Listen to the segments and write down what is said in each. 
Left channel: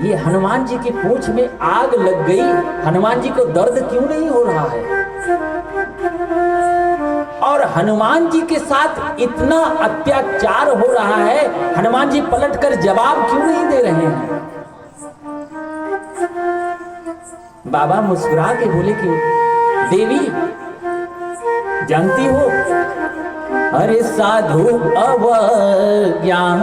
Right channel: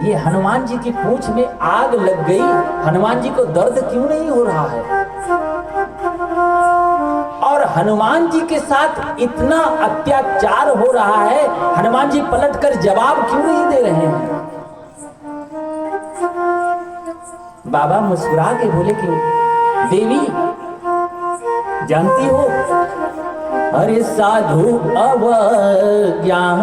ये हनुमान जी की पूंछ में आग लग गई, हनुमान जी को दर्द क्यों नहीं हो रहा है? और हनुमान जी के साथ इतना अत्याचार हो रहा है, हनुमान जी पलटकर जवाब क्यों नहीं दे रहे हैं? बाबा मुस्कुरा के बोले कि देवी जानती हो, अरे साधु अवज्ञान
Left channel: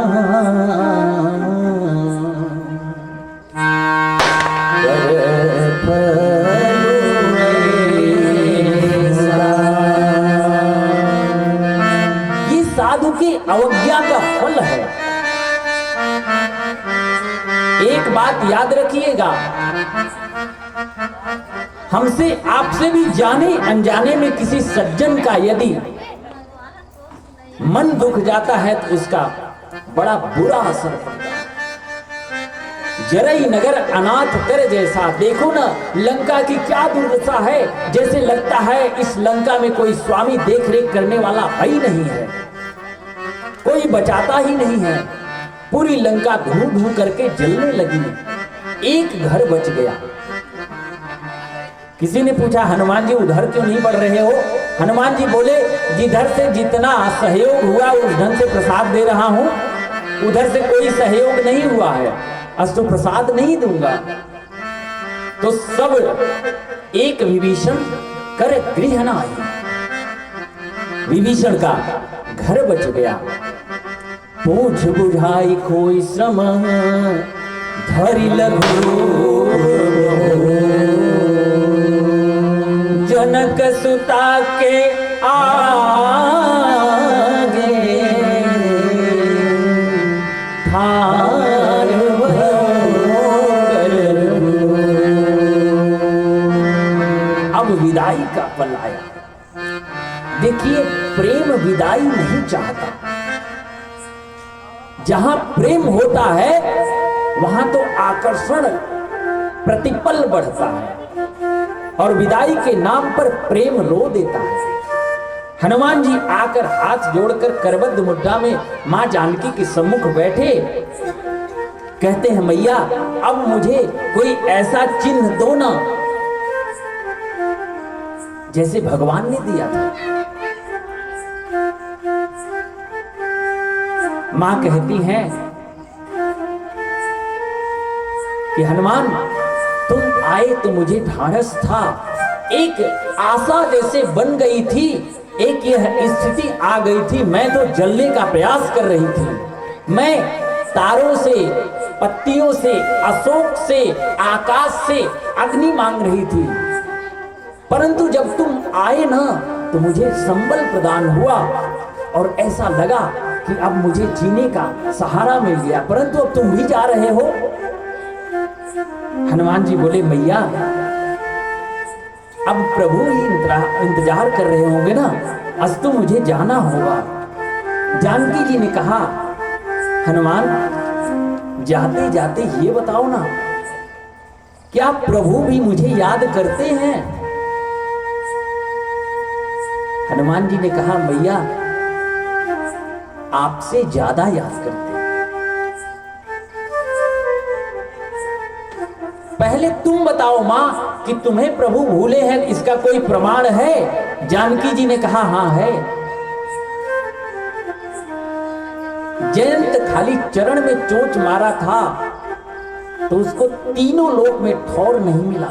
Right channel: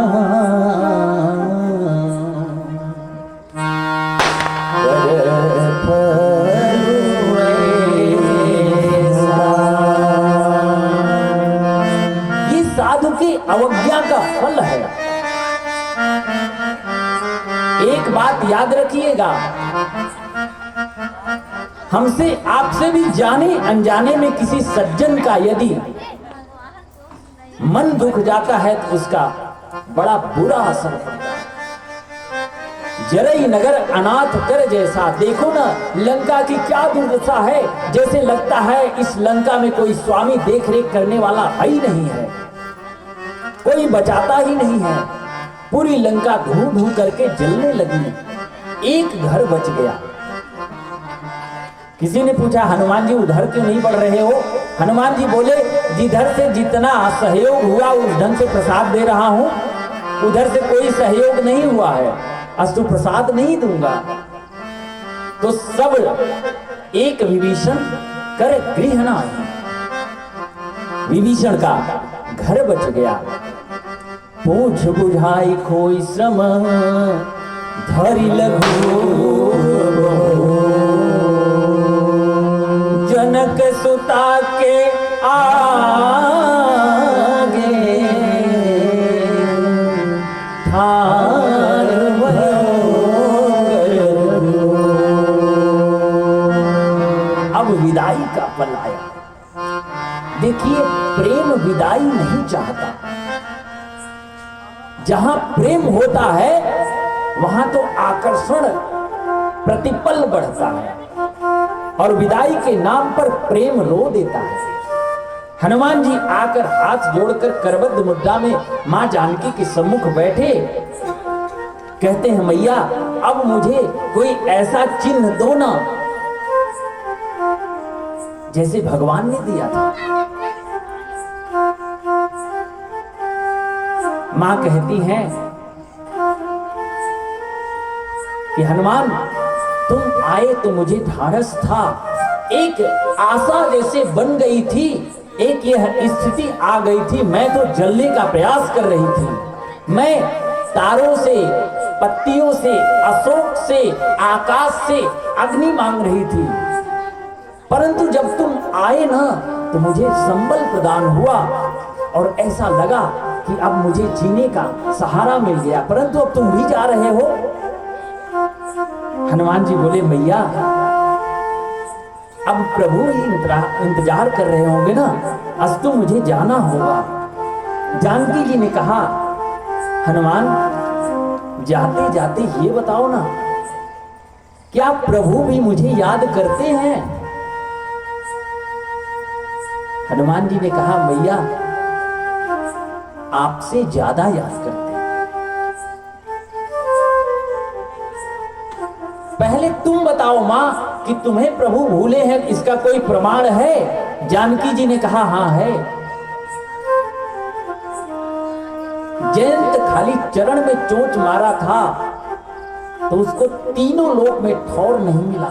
ये साधु की अवज्ञा का फल है। एक बात याद रखिएगा, हमसे आपसे भी जाने अनजाने में किसी सज्जन का यदि मन दुख जाता है तो उसका बड़ा बुरा असर होता है। जरई नगर अनाथ कर जैसा, देखो ना लंका की क्या दुर्दशा है। जैसे लगता है इस लंका में कोई स्वामी देख रेख करने वाला ही नहीं है, कोई बचाता ही नहीं है। पूरी लंका धूं धूं करके जलने लगी, एक घर बच गया। किसी ने पूछा हनुमान जी उधर क्यों नहीं बढ़ रहे हो? हनुमान जी बोले जिधर से जितना सहयोग हुआ उस ढंग से प्रसाद दे रहा हूं, उधर से कोई सहयोग नहीं हुआ है, अस्तु प्रसाद नहीं दूंगा। तो सब एक विभीषण कर गृह नाहि, विभीषण का घर बच गया। पूछ बुझाई कोई श्रम धरि लघु, जनक सुता के आगे थार अब विदाई का पल आया। देखिए प्रेम विदाई नहीं चाहता, जहां प्रेम होता है वहां तो आकर्षण प्रतिपल बढ़ता है और विदाई के नाम पर प्रेम रो देता है। हनुमान जी आकर हाथ जोड़कर करबद्ध मुद्रा में मां जानकी के सम्मुख बैठे, कहते हैं मैया अब मुझे कोई ऐसा चिन्ह दो ना जैसे भगवान ने दिया था। मां कहती हैं कि हनुमान तुम आए तो मुझे ढाढ़स था, एक आशा जैसे बन गई थी, एक यह स्थिति आ गई थी, मैं तो जलने का प्रयास कर रही थी। मैं तारों से, पत्तियों से, अशोक से, आकाश से अग्नि मांग रही थी, परंतु जब तुम आए ना तो मुझे संबल प्रदान हुआ और ऐसा लगा कि अब मुझे जीने का सहारा मिल गया, परंतु अब तुम भी जा रहे हो। हनुमान जी बोले मैया अब प्रभु ही इंतजार कर रहे होंगे ना, अस्तु मुझे जाना होगा। जानकी जी ने कहा हनुमान जाते जाते ये बताओ ना, क्या प्रभु भी मुझे याद करते हैं? हनुमान जी ने कहा मैया आपसे ज्यादा याद करते। पहले तुम बताओ मां कि तुम्हें प्रभु भूले हैं, इसका कोई प्रमाण है? जानकी जी ने कहा हां है। जयंत खाली चरण में चोंच मारा था तो उसको तीनों लोक में ठौर नहीं मिला।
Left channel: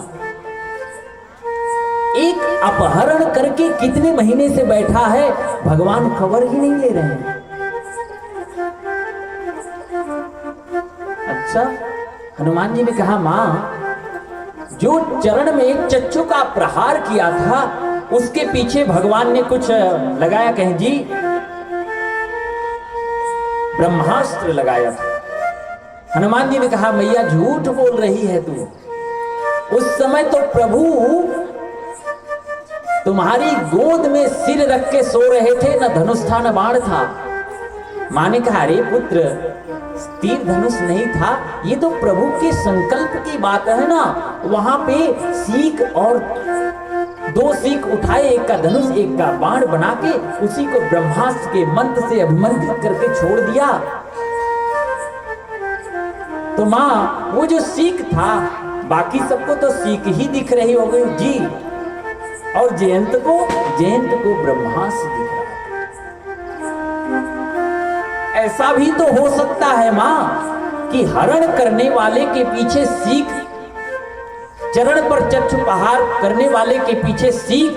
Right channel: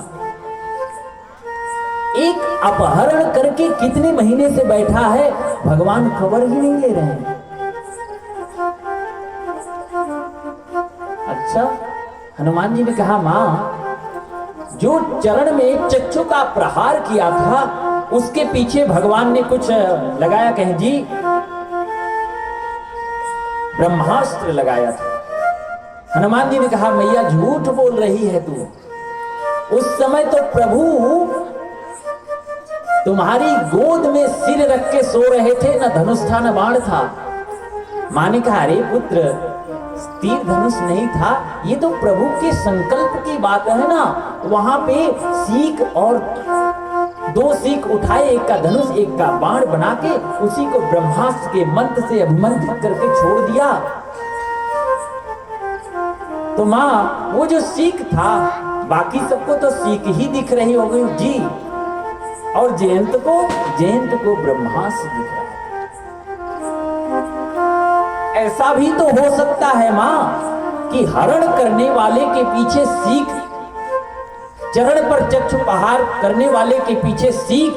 एक अपहरण करके कितने महीने से बैठा है, भगवान खबर ही नहीं ले रहे हैं। अच्छा, हनुमान जी ने कहा मां जो चरण में चच्चू का प्रहार किया था उसके पीछे भगवान ने कुछ लगाया, कहें जी ब्रह्मास्त्र लगाया था। हनुमान जी ने कहा मैया झूठ बोल रही है तू, उस समय तो प्रभु तुम्हारी गोद में सिर रख के सो रहे थे, न धनुष था न बाण था। मां ने कहा अरे पुत्र तीर धनुष नहीं था, ये तो प्रभु के संकल्प की बात है ना। वहां पे सीख और दो सीख उठाए, एक का धनुष एक का बाण बना के उसी को ब्रह्मास्त्र के मंत्र से अभिमंत्रित करके छोड़ दिया। तो माँ वो जो सीख था, बाकी सबको तो सीख ही दिख रही होगी जी, और जयंत को ब्रह्मास्त्र दिख रहा है। ऐसा भी तो हो सकता है माँ कि हरण करने वाले के पीछे सीख, चरण पर चक्षुपहार करने वाले के पीछे सीख,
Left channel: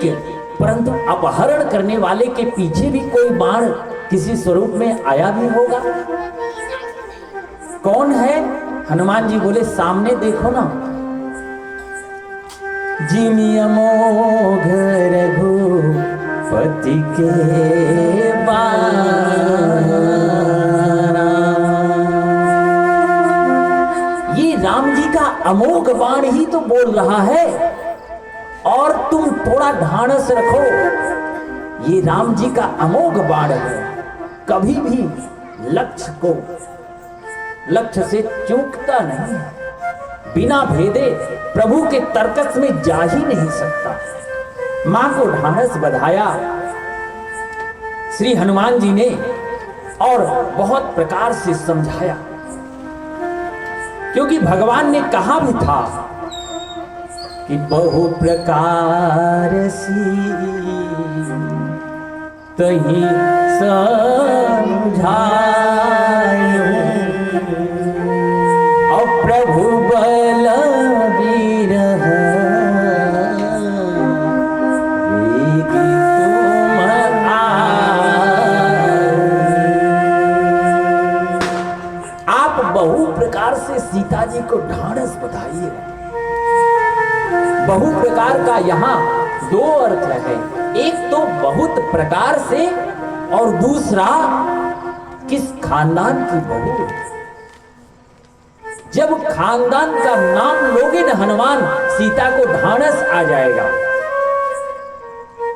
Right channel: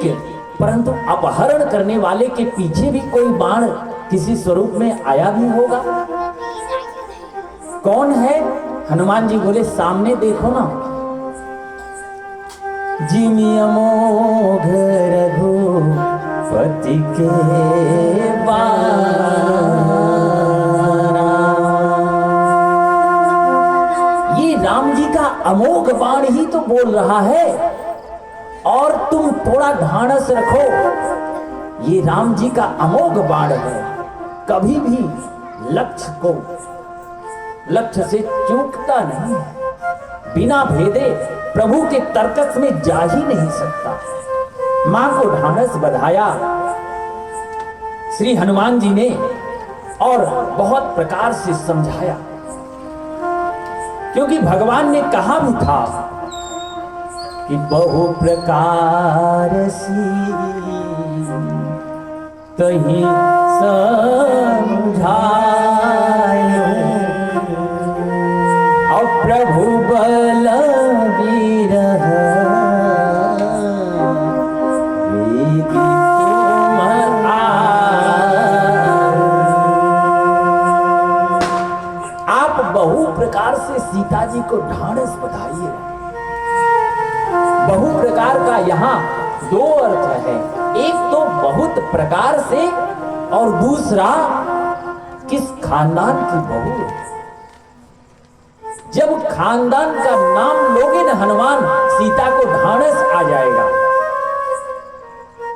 परंतु अपहरण करने वाले के पीछे भी कोई बाण किसी स्वरूप में आया भी होगा। कौन है? हनुमान जी बोले सामने देखो ना, जिमि अमोघ रघुपति के बाण। ये राम जी का अमोघ बाण ही तो बोल रहा है, और तुम थोड़ा ढाढ़स रखो, ये राम जी का अमोघ बाण है, कभी भी लक्ष्य से चूकता नहीं, बिना भेदे प्रभु के तर्कस में जा ही नहीं सकता। मां को ढाढ़स बधाया श्री हनुमान जी ने, और बहुत प्रकार से समझाया, क्योंकि भगवान ने कहा भी था कि बहु प्रकार सी तही समझाए, और प्रभु बल बीरह वेगी तुम आप बहु प्रकार से सीता जी को ढाढ़स बधाइए। बहु प्रकार का यहाँ दो अर्थ है, एक तो बहुत प्रकार से, और दूसरा किस खानदान की बहू। जब खानदान का नाम लोगे न हनुमान, सीता को ढाढ़स आ जाएगा।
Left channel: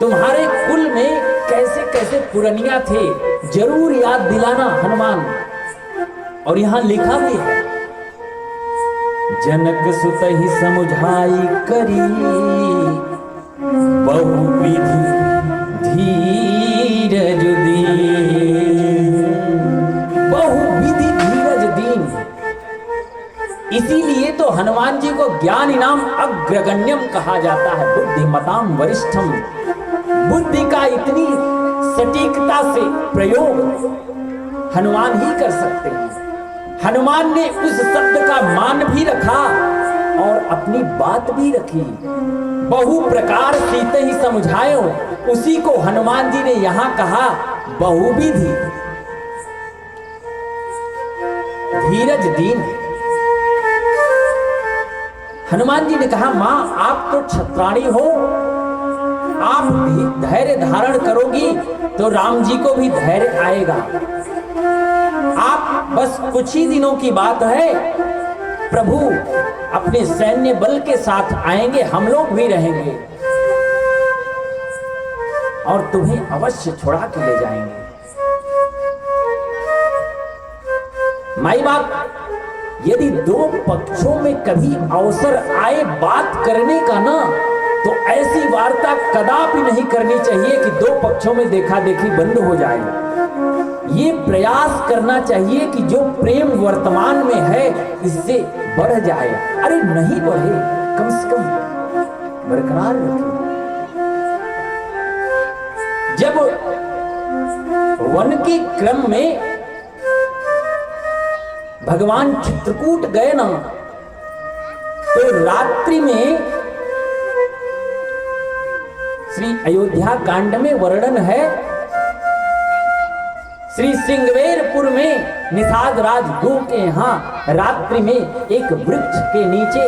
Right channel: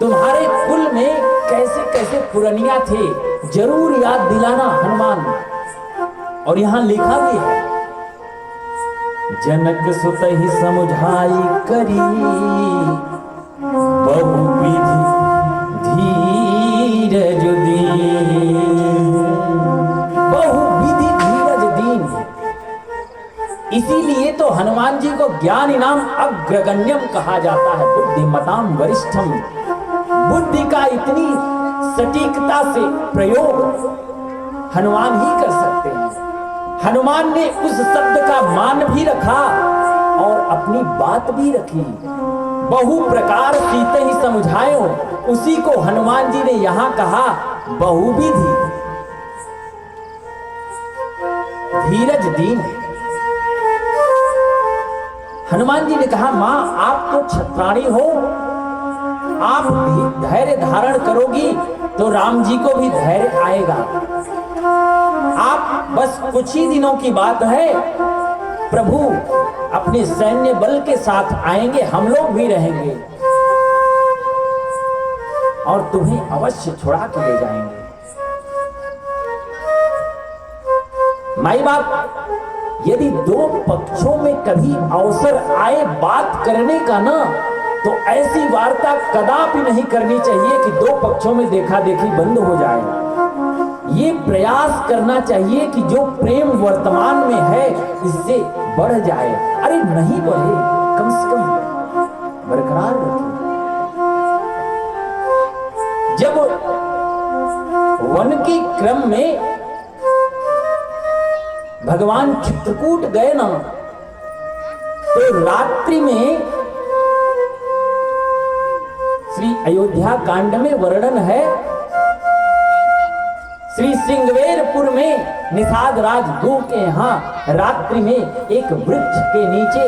तुम्हारे कुल में कैसे कैसे पुरनिया थे, जरूर याद दिलाना हनुमान। और यहां लिखा भी है, जनक सुत ही समुझाई करी, बहुविधि धीरज दीन। बहुविधि धीरज दीन, इसीलिए तो हनुमान जी को ज्ञान इनाम अग्रगण्यम कहा जाता है, बुद्धिमताम वरिष्ठम। बुद्धि का इतनी सटीकता से प्रयोग हनुमान ही कर सकते हैं। हनुमान ने उस शब्द का मान भी रखा और अपनी बात भी रखी। बहु प्रकार सीते ही समझायो, उसी को हनुमान जी ने यहां कहा बहुविधि धीरज दीन। हनुमान जी ने कहा, मां आप तो छत्राणी हो, आप धैर्य धारण करोगी तो राम जी को भी धैर्य आएगा। आप बस कुछ ही दिनों की बात है, प्रभु अपने सैन्य बल के साथ आएंगे, हम लोग भी रहेंगे और तुम्हें अवश्य छुड़ा के ले जाएंगे। माई बाप, यदि दो पक्षों में कभी अवसर आए बात करने का ना, तो ऐसी वार्ता कदापि नहीं करनी चाहिए कि दो पक्षों में देखा देखी बंद हो जाए। ये प्रयास करना चाहिए कि जो प्रेम वर्तमान में है इससे बढ़ जाए। अरे नहीं बढ़े, कम से कम बरकरार रखे। जब वन के क्रम में भगवान चित्रकूट गए ना, तो रात्रि में श्री अयोध्या कांड में वर्णन है, श्री सिंगवेरपुर में निषाद राज गो के यहाँ रात्रि में एक वृक्ष के नीचे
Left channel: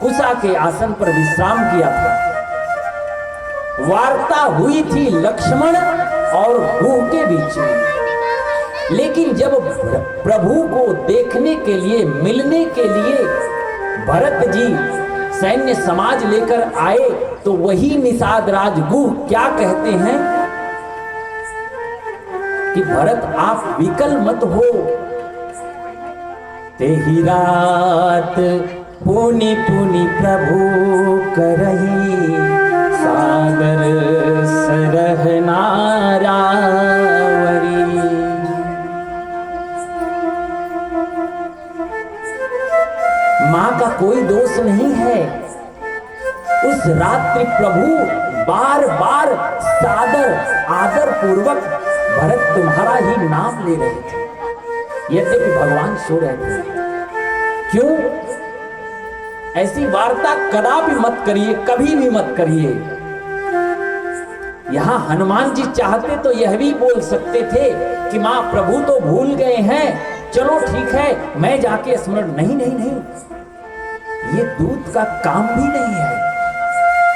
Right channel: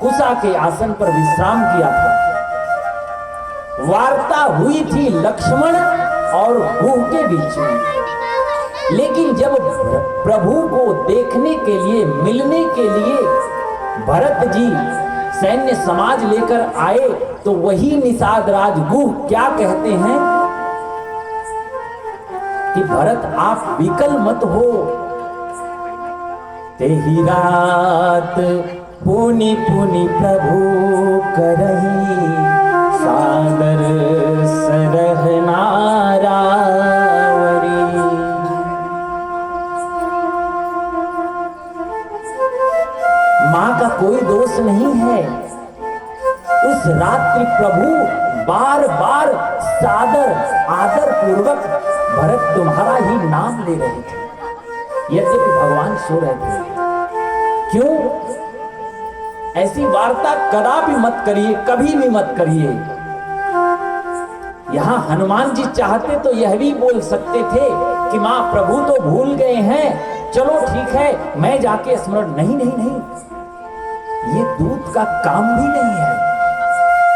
कुशा के आसन पर विश्राम किया था। वार्ता हुई थी लक्ष्मण और गो के बीच में, लेकिन जब प्रभु को देखने के लिए, मिलने के लिए भरत जी सैन्य समाज लेकर आए, तो वही निषाद राज गो क्या कहते हैं कि भरत आप विकल मत हो। तेही रात पुनि पुनि प्रभु करही, सागर सरह नारावरी। मां का कोई दोष नहीं है। उस रात्रि प्रभु बार बार सादर आदर पूर्वक भरत तुम्हारा ही नाम ले रहे थे, यद्यपि भगवान सो रहे थे। क्यों? ऐसी वार्ता कदापि मत करिए, कभी भी मत करिए। यहां हनुमान जी चाहते तो यह भी बोल सकते थे कि मां प्रभु तो भूल गए हैं, चलो ठीक है मैं जाके स्मरण। नहीं नहीं नहीं, ये दूत का काम भी नहीं है।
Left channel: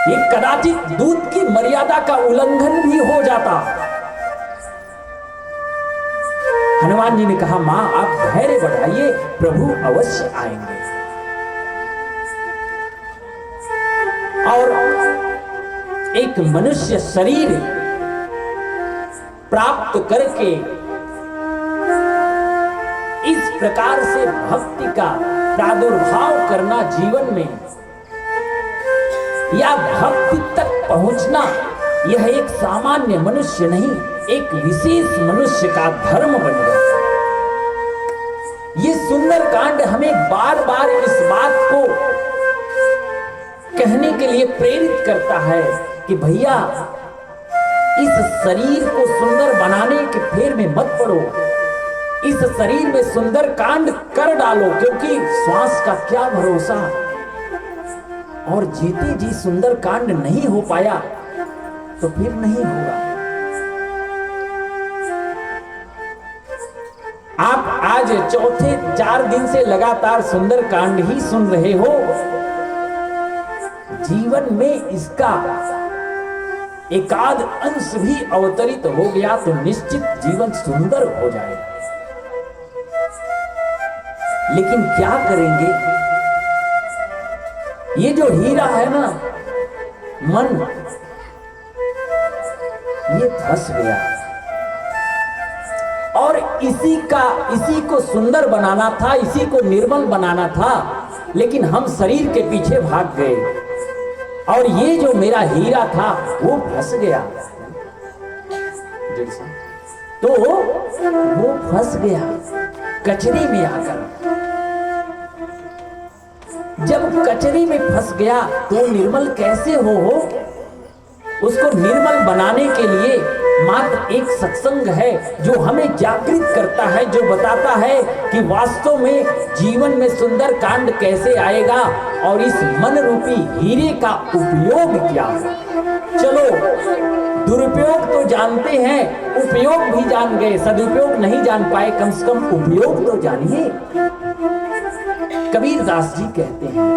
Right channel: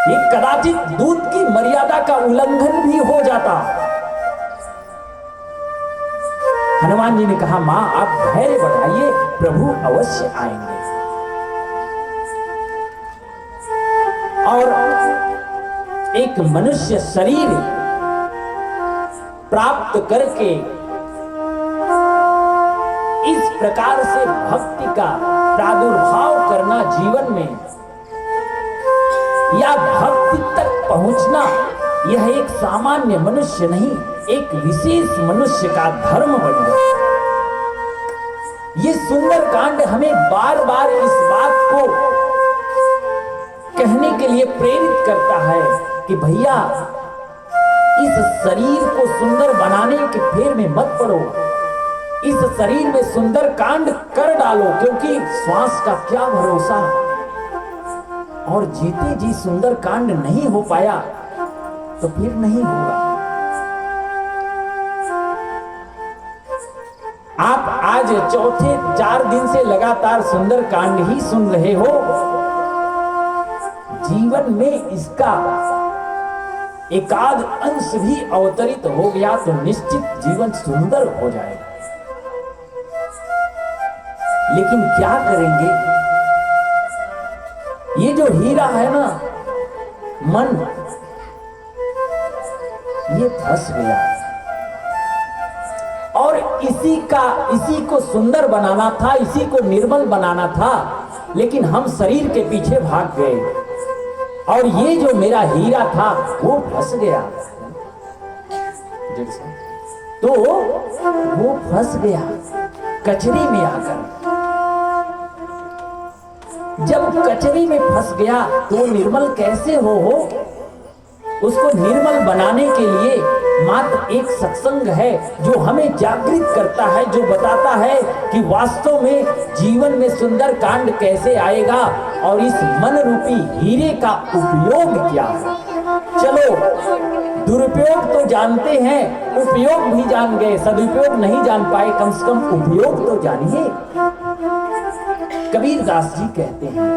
ये कदाचित दूत की मर्यादा का उल्लंघन भी हो जाता। हनुमान जी ने कहा मां आप धैर्य बढ़ाइए, प्रभु अवश्य आएंगे। और एक मनुष्य शरीर प्राप्त करके इस प्रकार से भक्ति का प्रादुर्भाव करना जीवन में, या भक्ति तक पहुंचना, यह एक सामान्य मनुष्य नहीं, एक विशेष मनुष्य का धर्म बन गया। ये सुंदर कांड हमें बार बार इस बात को कहने के लिए प्रेरित करता है कि भैया इस शरीर को सुंदर बनाने के फेर में मत पड़ो, इस शरीर में सुंदर कांड कर डालो, क्योंकि श्वास का क्या भरोसा, और जीते जी सुंदर कांड नहीं हो पाया तो फिर नहीं होगा। आप आज चौथे 4 दिन से लगातार सुंदर कांड ही सुन रहे हो, जीवन में इसका एकाध अंश भी अवतरित हो गया तो निश्चित जीवन सुंदर हो जाएगा। लेकिन क्या करेंगे? ये जो हीरा है ना मन, ये फंस गया और इसी को सुंदर बनाना था, इसी को निर्मल बनाना था, लेकिन हम शरीर के पीछे भाग गए और ये जो मेरा हीरा था वो फंस गया। तो वो फंस गया कचरे में आकर। जब कचरे में फंस गया तो निर्मल कैसे हो? उसको निर्मल बनाने के लिए मात्र एक सत्संग है जो हमें जागृत करता है, जो बताता है कि वास्तव में जीवन में सुंदर कांड कैसे आएगा और इस मन रूपी हीरे का उपयोग क्या है। चलो दुरुपयोग तो जानते हैं, उपयोग भी जान गए, सदुपयोग नहीं जान पाए, कम से कम उपयोग तो जानिए। कबीर दास जी कहते हैं,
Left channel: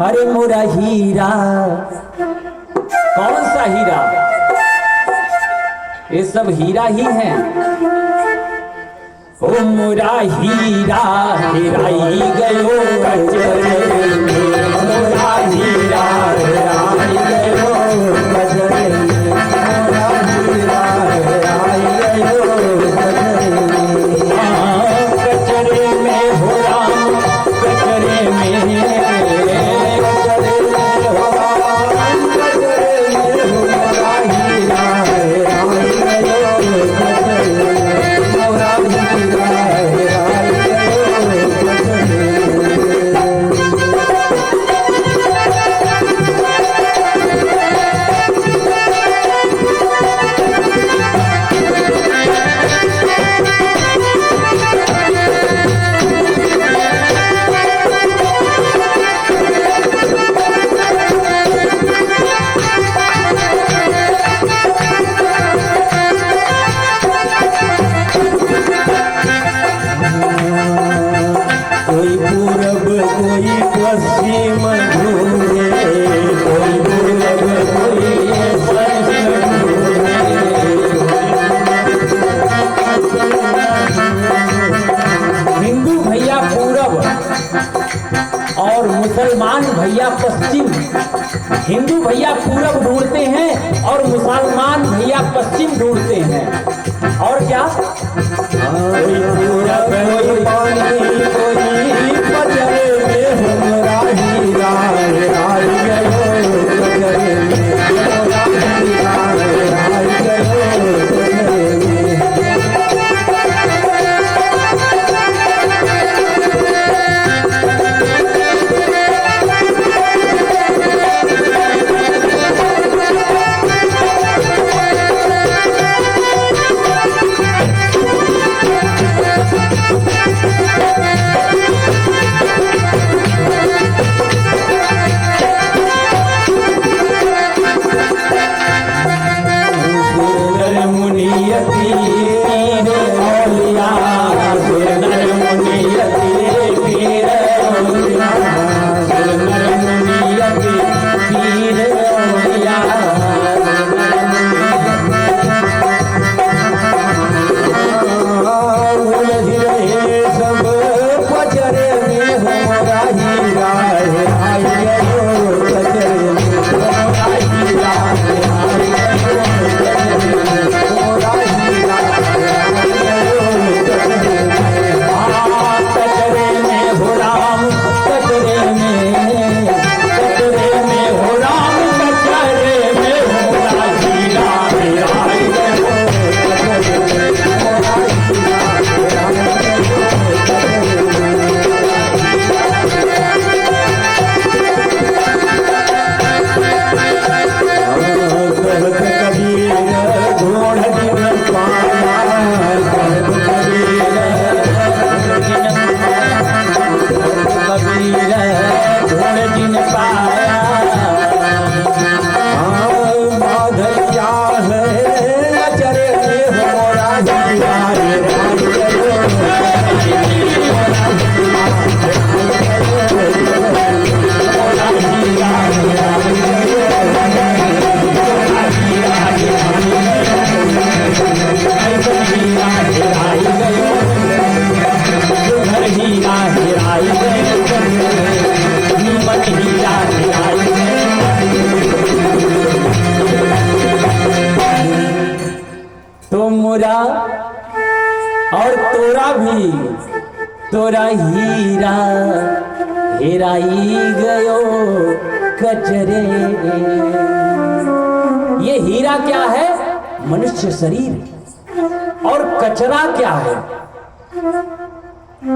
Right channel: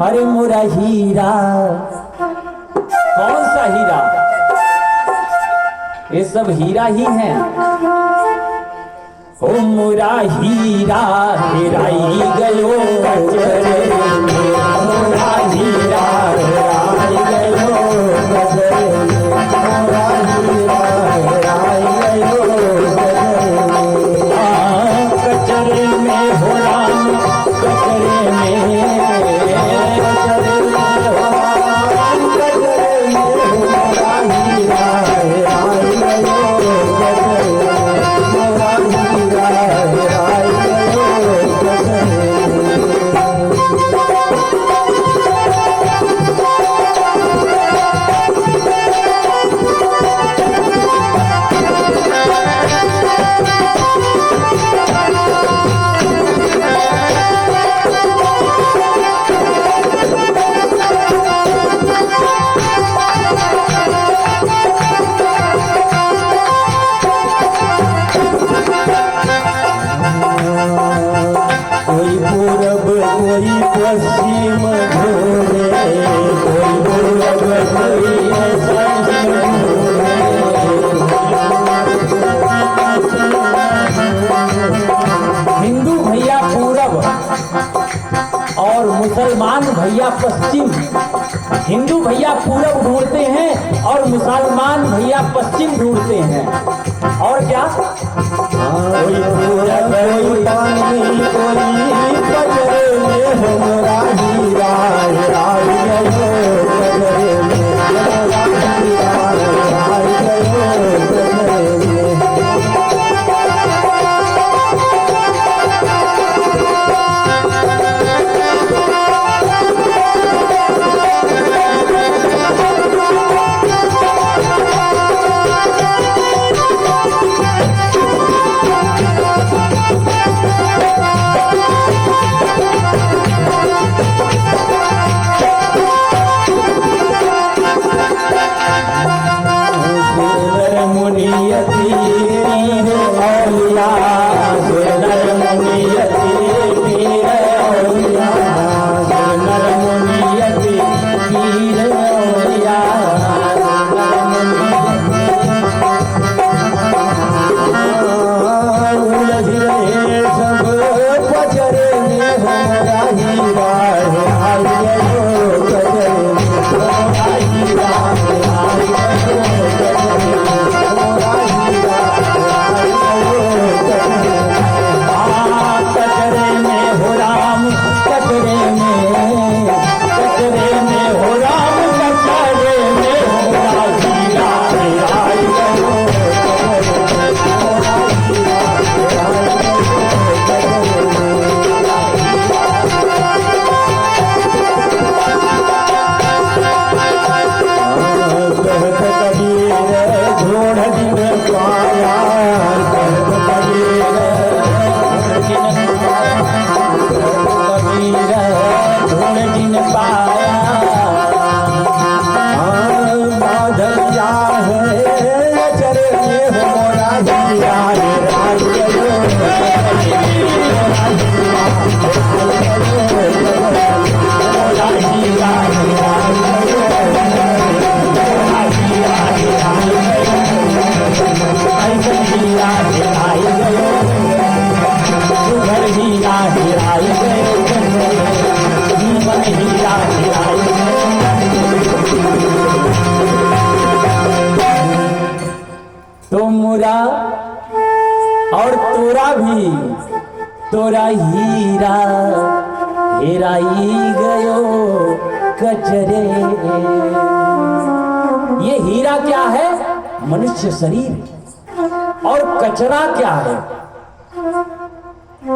अरे मोरा हीरा, कौन सा हीरा? ये सब हीरा ही है। ओ मोरा हीरा हेराई गयो कचरे में, मोरा हीरा हेराई गयो कचरे में, मोरा हीरा हेराई गयो कचरे में, हो राम कचरे में, कचरे में हो राम कचरे में, मोरा हीरा हेराई गयो कचरे में, मोरा हीरा हेराई गयो कचरे कोई पूरब कोई पश्चिम घूरे, कोई पूरब कोई पश्चिम घूरे। हिंदू भैया पूरब और मुसलमान भैया पश्चिम। हिंदू भैया पूरब ढूंढते हैं और मुसलमान भैया पश्चिम ढूंढते हैं। और क्या? कोई पूरब कोई पानी कोई कचरे में, मोरा हीरा हेराई गयो कचरे में, मोरा हीरा हेराई गयो कचरे में। तोरा हीरा हेराई गयो कचरे। ये हीरा क्या है? मनुष्य शरीर। और कचरा क्या है?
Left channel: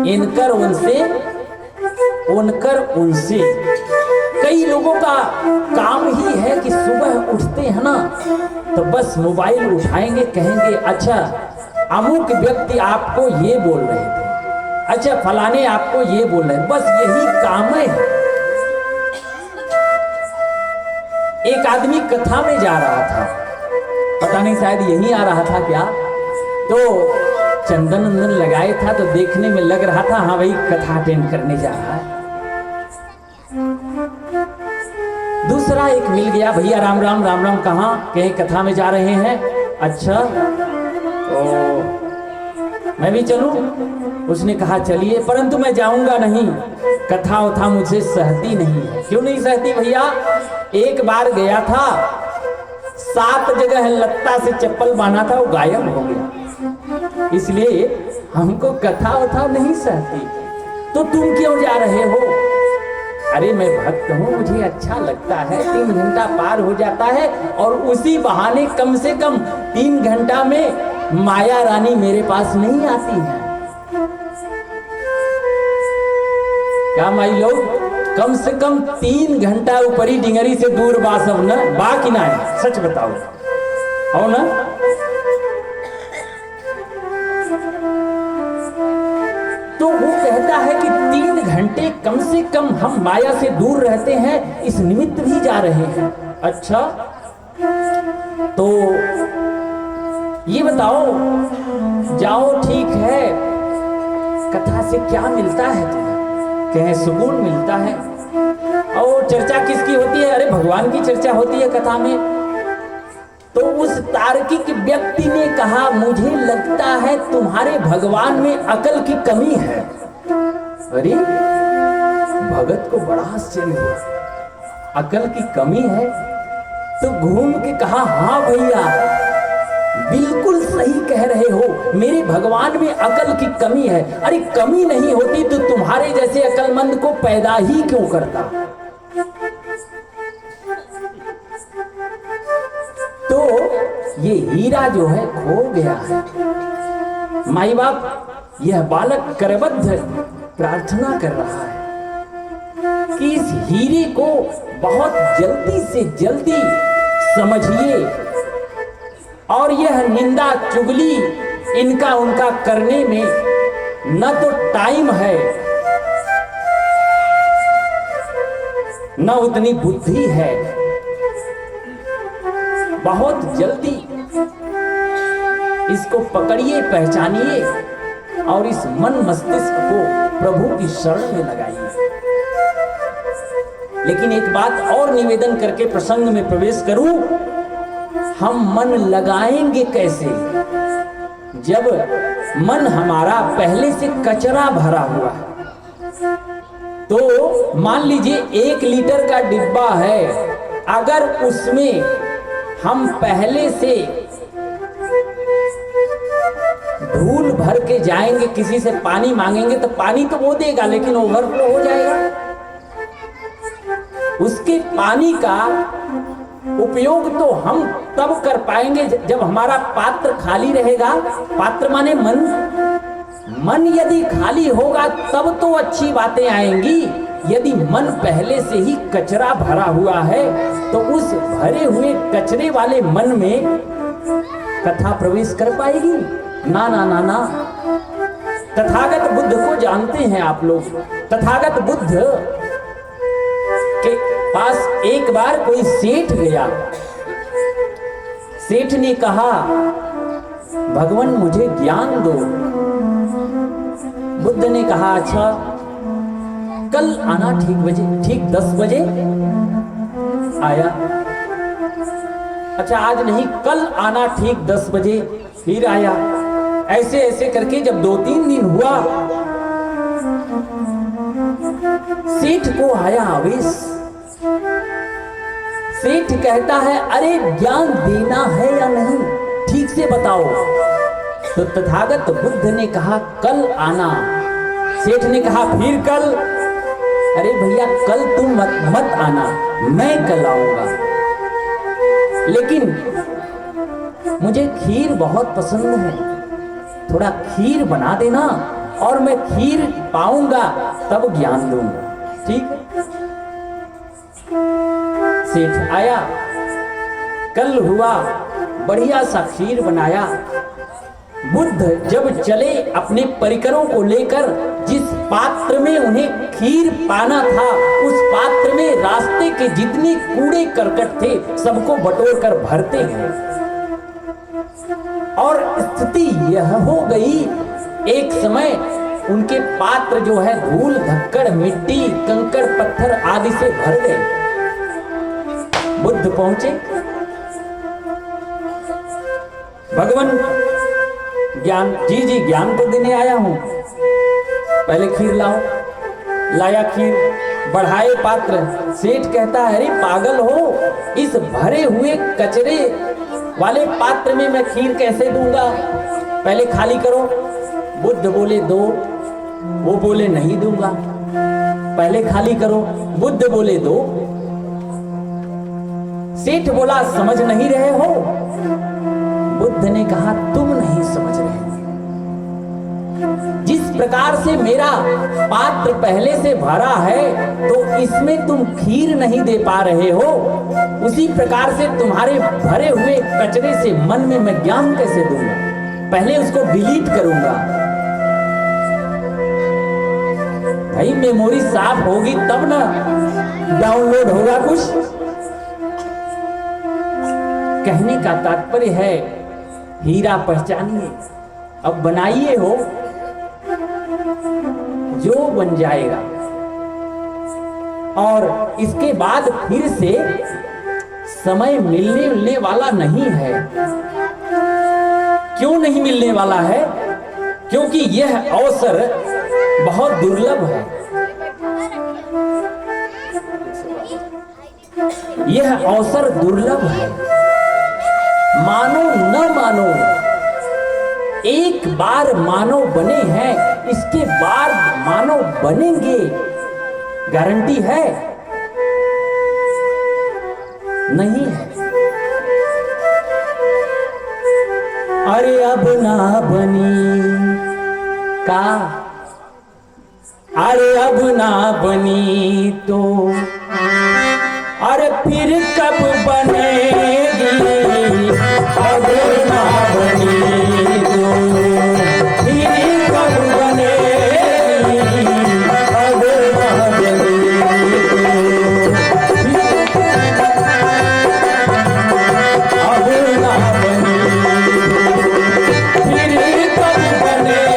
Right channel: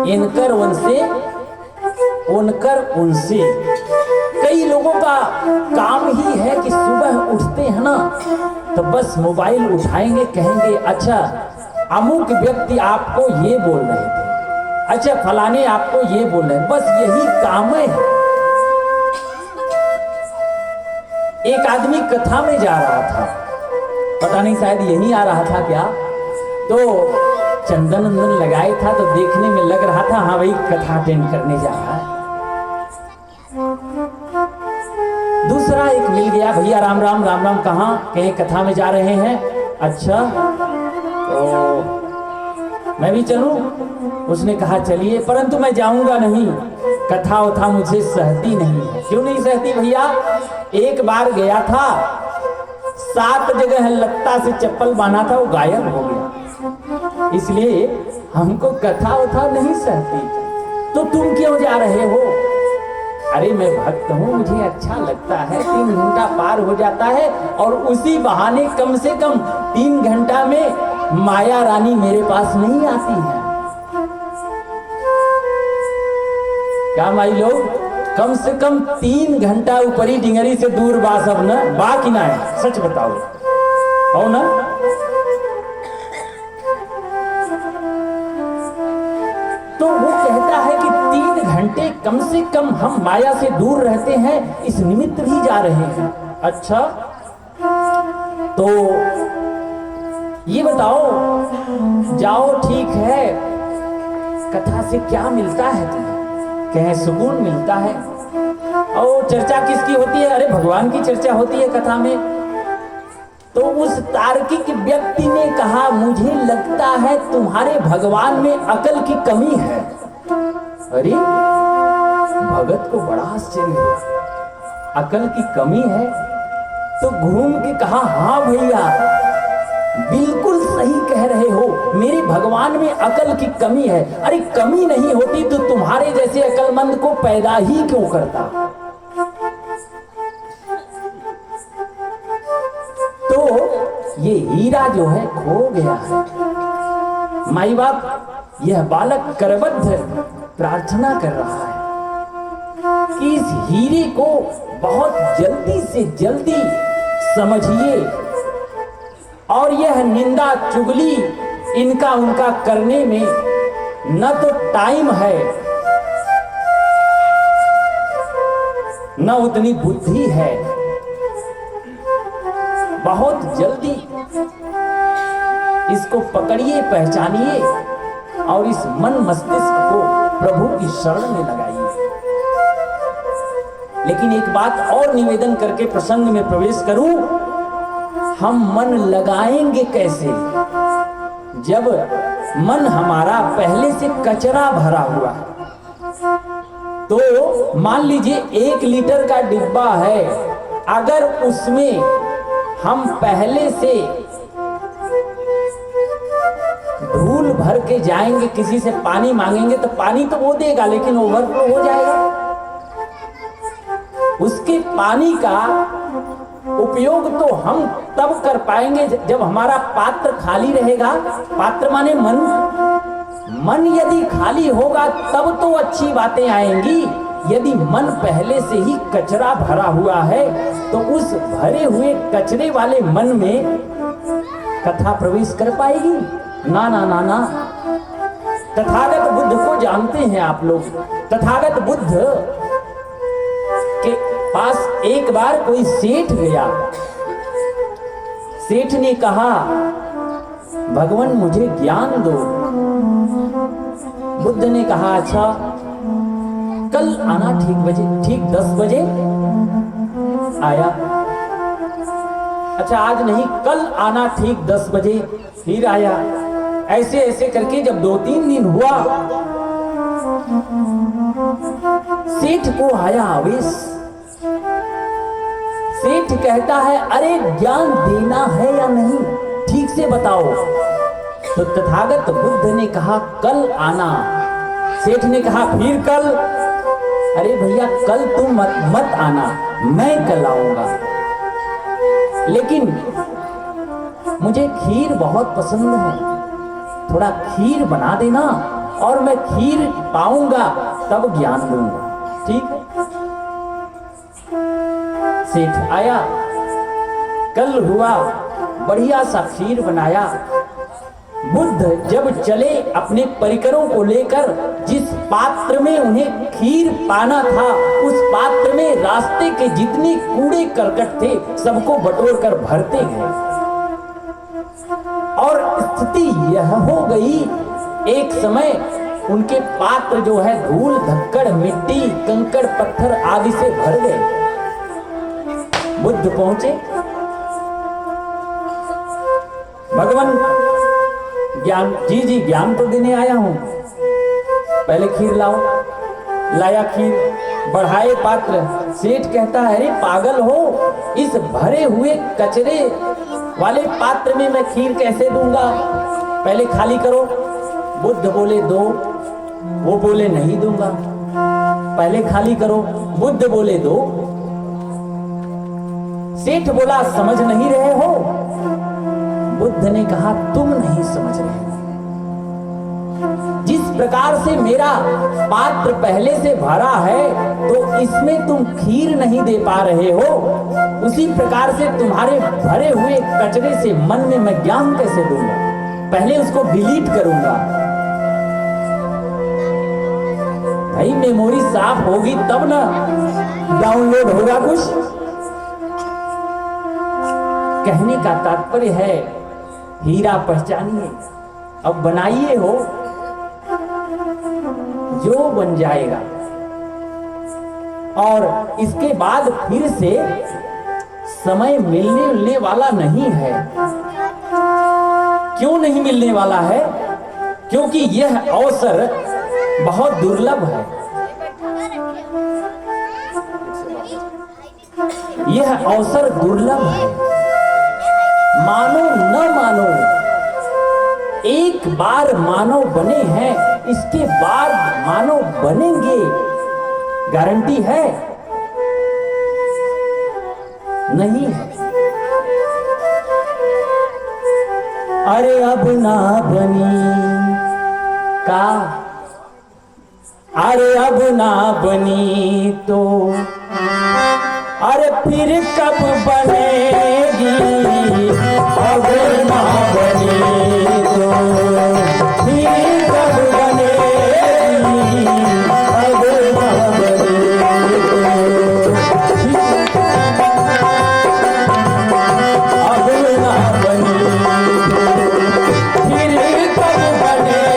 इनकर उनसे। कई लोगों का काम ही है कि सुबह उठते हैं ना तो बस मोबाइल उठाएंगे, कहेंगे अच्छा अमुक व्यक्ति आपको ये बोल रहे थे, अच्छा फलाने आपको ये बोल रहे हैं, बस यही काम है। एक आदमी कथा में जा रहा था, पता नहीं शायद यही आ रहा था क्या, तो चंदन वंदन लगाए था तो देखने में लग रहा था हाँ भाई कथा अटेंड करने जा रहा है। दूसरा एक मिल गया, भैया राम राम राम राम, कहाँ? कहीं कथा में जा रहे हैं। अच्छा तो मैं भी चलूं? उसने कहा चलिए, परंतु मैं जाऊंगा नहीं, कथा वथा मुझे सहती नहीं है। क्यों नहीं सहती भैया? एक बार गया था, 7 जगह लत्ता से चप्पल बांधा था, वो गायब हो गया, इसलिए हमको कथा वथा नहीं सहती। तो तुम क्यों जा रहे हो? अरे मैं भक्त हूँ, मुझे अच्छा लगता है, 3 घंटा पार हो जाता है और उसी बहाने कम से कम 3 घंटा में माया रानी मेरे पास नहीं आती है। क्या माई लोग, कम से कम 3 घंटा ऊपरी डिंगरी से दूर बा सब न बा कि ना है? सच बताओ हो ना? तो वो कहता है कि 3 घंटे कम से कम हम माया से दूर रहते हैं, इस निमित्त भी जा रहे हैं। अच्छा तो ये बताओ, जाओ ठीक है, कथा से क्या मिलता है तुम्हें? कहे सुकून मिलता है। और चर्चा किसकी होती है? अरे भगवान की चर्चा होती है कथा में। तो उस तार्किक व्यक्ति ने कहा मुझे लगता है तुम्हारे भगवान में अकल की कमी है। अरे भगत को बड़ा आश्चर्य हुआ, अकल की कमी है? तो घूम के कहा हाँ भैया बिल्कुल सही कह रहे हो, मेरे भगवान में अकल की कमी है। अरे कमी नहीं होती तो तुम्हारे जैसे अकलमंद को पैदा ही क्यों करता? तो ये हीरा जो है खो गया है। माई बाप यह बालक करबद्ध प्रार्थना कर रहा है कि इस हीरे को बहुत जल्दी से जल्दी समझिए और यह निंदा चुगली इनका उनका करने में न तो टाइम है न उतनी बुद्धि है। बहुत जल्दी इसको पकड़िए, पहचानिए और इस मन मस्तिष्क को प्रभु की शरण में लगाइए। लेकिन एक बात और निवेदन करके प्रसंग में प्रवेश करूं, हम मन लगाएंगे कैसे जब मन हमारा पहले से कचरा भरा हुआ है? तो मान लीजिए 1 लीटर का डिब्बा है, अगर उसमें हम पहले से धूल भर के जाएंगे, किसी से पानी मांगेंगे तो पानी तो वो देगा लेकिन ओवरफ्लो हो जाएगा। उसके पानी का उपयोग तो हम तब कर पाएंगे जब हमारा पात्र खाली रहेगा। पात्र माने मन। मन यदि खाली होगा तब तो अच्छी बातें आएंगी। यदि मन पहले से ही कचरा भरा हुआ है तो उस भरे हुए कचरे वाले मन में कथा प्रवेश कर पाएगी? ना ना ना ना। तथागत बुद्ध को जानते हैं आप लोग। तथागत बुद्ध के पास एक बार कोई सेठ गया। सेठ ने कहा भगवान मुझे ज्ञान दो। बुद्ध ने कहा अच्छा कल आना ठीक 10 बजे। आया। अच्छा आज नहीं, कल आना ठीक 10 बजे। फिर आया। ऐसे ऐसे करके जब 2-3 दिन हुआ, सेठ को आया आवेश। सेठ कहता है अरे ज्ञान देना है या नहीं, ठीक से बताओ। तो तथागत बुद्ध ने कहा कल आना। सेठ ने कहा फिर कल। अरे भैया कल तुम मत आना, मैं कल आऊंगा, लेकिन मुझे खीर बहुत पसंद है, थोड़ा खीर बना देना और मैं खीर पाऊंगा तब ज्ञान दूंगा। ठीक। सेठ आया, कल हुआ, बढ़िया सा खीर बनाया। बुद्ध जब चले अपने परिकरों को लेकर, जिस पात्र में उन्हें खीर पाना था उस पात्र में रास्ते के जितने कूड़े करकट थे सबको बटोर कर भरते गए। और स्थिति यह हो गई, एक समय उनके पात्र जो है धूल धक्कड़ मिट्टी कंकड़ पत्थर आदि से भर गए। बुद्ध पहुंचे, भगवान ज्ञान जी ज्ञान तो देने आया हूं, पहले खीर लाओ। लाया खीर, बढ़ाए पात्र। सेठ कहता है अरे पागल हो, इस भरे हुए कचरे वाले पात्र में मैं खीर कैसे दूंगा, पहले खाली करो। बुद्ध बोले दो, वो बोले नहीं दूंगा। पहले खाली करो, बुद्ध बोले दो। सेठ बोला समझ नहीं रहे हो। बुद्ध ने कहा तुम नहीं समझ रहे। जिस प्रकार से मेरा पात्र पहले से भरा है तो इसमें तुम खीर नहीं दे पा रहे हो, उसी प्रकार से तुम्हारे भरे हुए कचरे से मन में मैं ज्ञान कैसे दूंगा, पहले उसको डिलीट करूंगा। भाई मेमोरी साफ होगी तब ना डाउनलोड होगा कुछ। कहने का तात्पर्य है हीरा पहचानिए, अब बनाइए हो जो बन जाएगा। और इसके बाद फिर से समय मिलने वाला नहीं है। क्यों नहीं मिलने वाला है? क्योंकि यह अवसर बहुत दुर्लभ है। यह अवसर दुर्लभ है। मानो न मानो, एक बार मानव बने हैं, इसके बाद मानव बनेंगे, गारंटी है? नहीं है। अरे अब ना बनी का, अरे अब ना बनी तो अरे फिर कब बनेगी, अगर ना बनी तो फिर कब बनेगी, अगर ना बनी तो अगर ना बनी फिर कब बनेगी,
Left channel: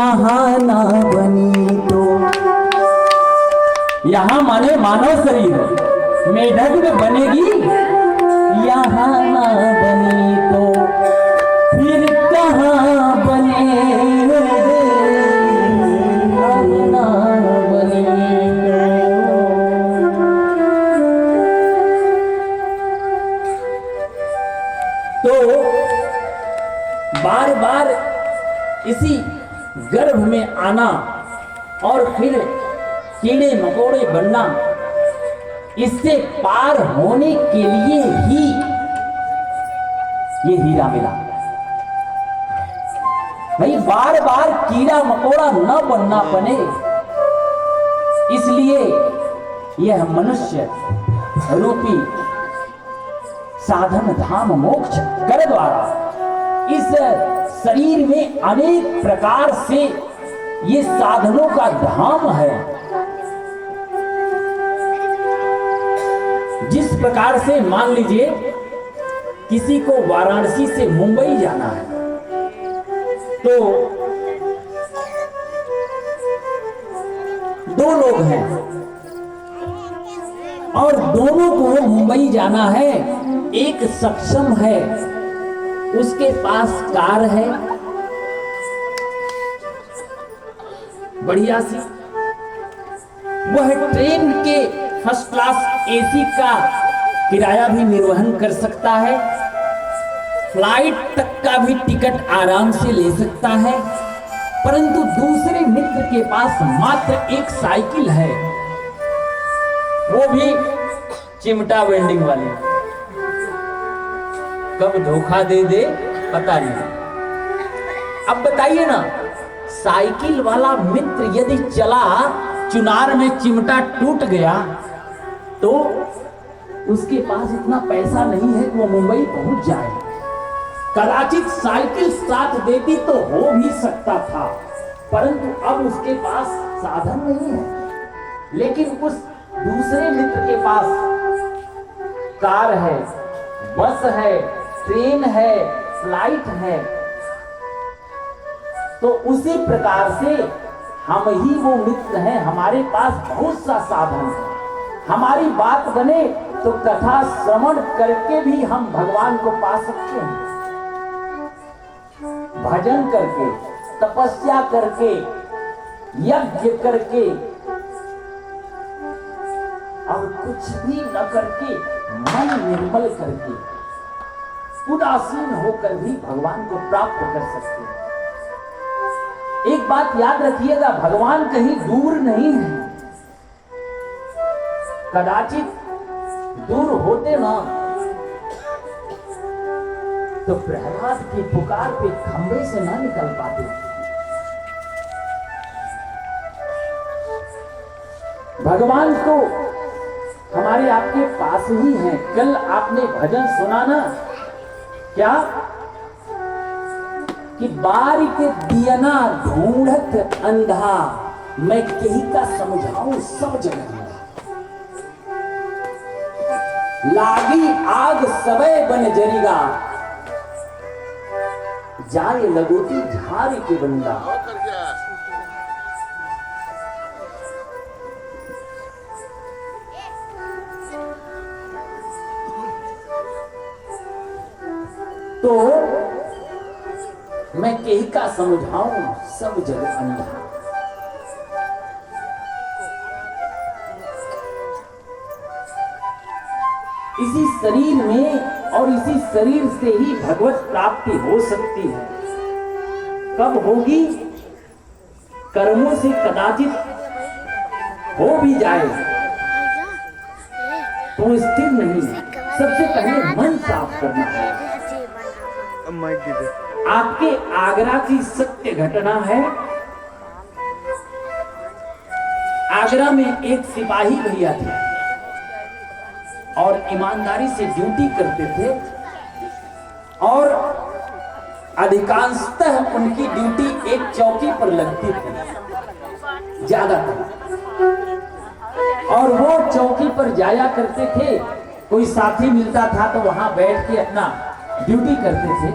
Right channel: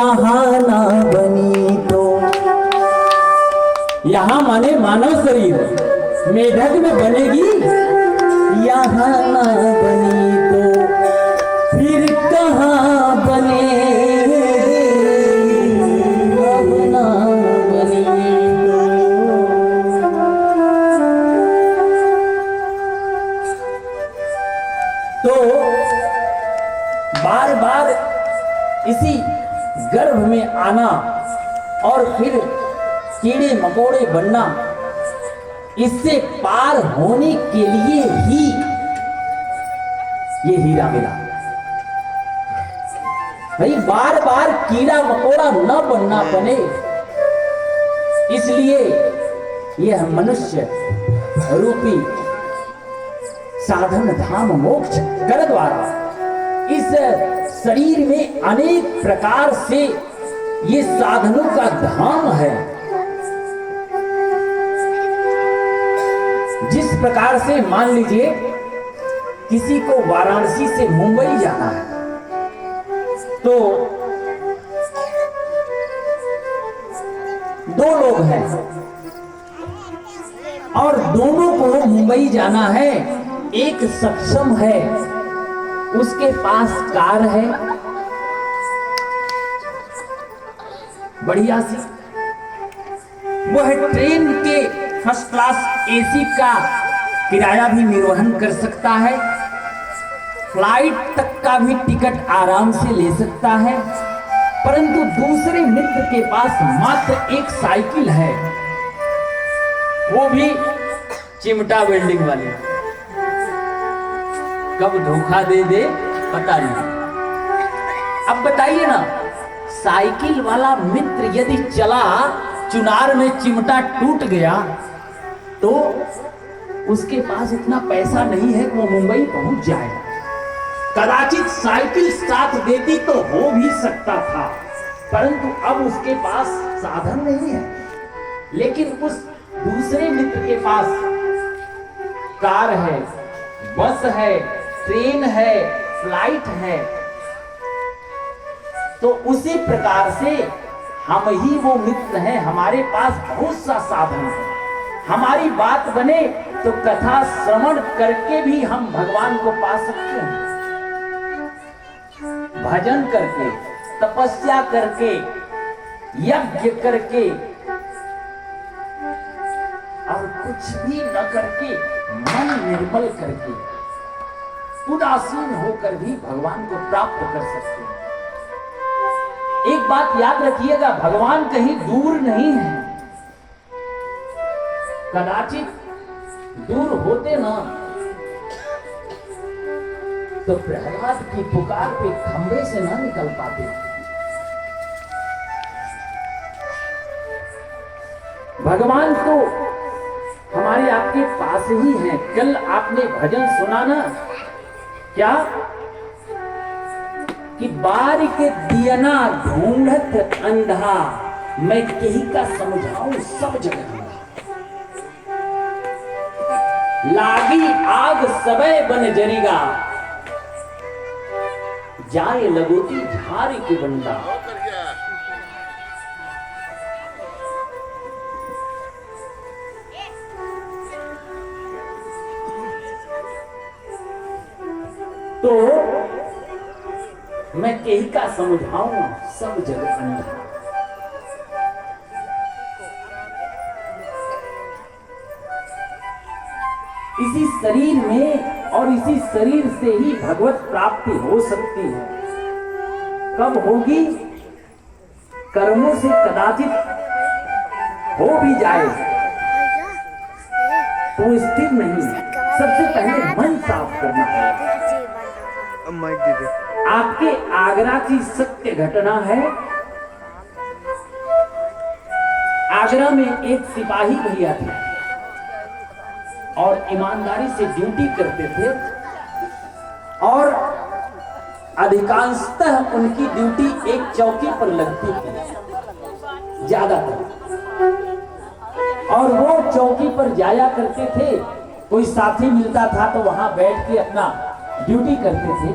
यहाँ ना बनी तो, यहाँ माने मानव शरीर मेढक में बनेगी, यहाँ ना बनी तो फिर कहाँ बनेगी, अब ना बनी तो बार बार इसी गर्भ में आना और फिर कीड़े मकोड़े बनना, इससे पार होने के लिए ही ये हीरा मिला। भाई बार बार कीड़ा मकोड़ा न बनना बने, इसलिए यह मनुष्य रूपी साधन धाम मोक्ष कर द्वारा इस शरीर में अनेक प्रकार से ये साधनों का धाम है। जिस प्रकार से मान लीजिए किसी को वाराणसी से मुंबई जाना है, तो दो लोग हैं और दोनों को मुंबई जाना है। एक सक्षम है, उसके पास कार है बढ़िया सी, वह ट्रेन के फर्स्ट क्लास एसी का किराया भी निर्वहन कर सकता है, फ्लाइट तक का भी टिकट आराम से ले सकता है। परंतु दूसरे मित्र के पास मात्र एक साइकिल है, वो भी चिमटा वेल्डिंग वाली। कब धोखा दे दे पता नहीं। अब बताइए ना, साइकिल वाला मित्र यदि चला, चुनार में चिमटा टूट गया, तो उसके पास इतना पैसा नहीं है कि वो मुंबई पहुंच जाए। कदाचित साइकिल साथ देती तो हो भी सकता था, परंतु अब उसके पास साधन नहीं है। लेकिन उस दूसरे मित्र के पास कार है, बस है, ट्रेन है, फ्लाइट है। तो उसी प्रकार से हम ही वो मित्र हैं, हमारे पास बहुत सा साधन है। हमारी बात बने तो कथा श्रवण करके भी हम भगवान को पा सकते हैं, भजन करके, तपस्या करके, यज्ञ करके और कुछ भी न करके, मन निर्मल करके, उदासीन होकर भी भगवान को प्राप्त कर सकते हैं। एक बात याद रखिएगा, भगवान कहीं दूर नहीं है। कदाचित दूर होते ना तो प्रहलाद की पुकार पे खंबे से ना निकल पाते। भगवान तो हमारे आपके पास ही हैं। कल आपने भजन सुना ना, क्या कि बारिक दियना ढूंढत अंधा, मैं कहीं का समझाऊं सब जगह। लागी आग सबे बन जरीगा, जाए लगोती झारी के बंदा। तो मैं कहीं का समझाऊं सब जग अंधा। इसी शरीर में और इसी शरीर से ही भगवत प्राप्ति हो सकती है। कब होगी? कर्मों से कदाचित हो भी जाए तो स्थिर नहीं। सबसे पहले मन साफ करना है। आपके आगरा की सत्य घटना है। आगरा में एक सिपाही भैया थे और ईमानदारी से ड्यूटी करते थे और अधिकांशतः उनकी ड्यूटी एक चौकी पर लगती थी ज्यादातर, और वो चौकी पर जाया करते थे। कोई साथी मिलता था तो वहां बैठ के अपना ड्यूटी करते थे।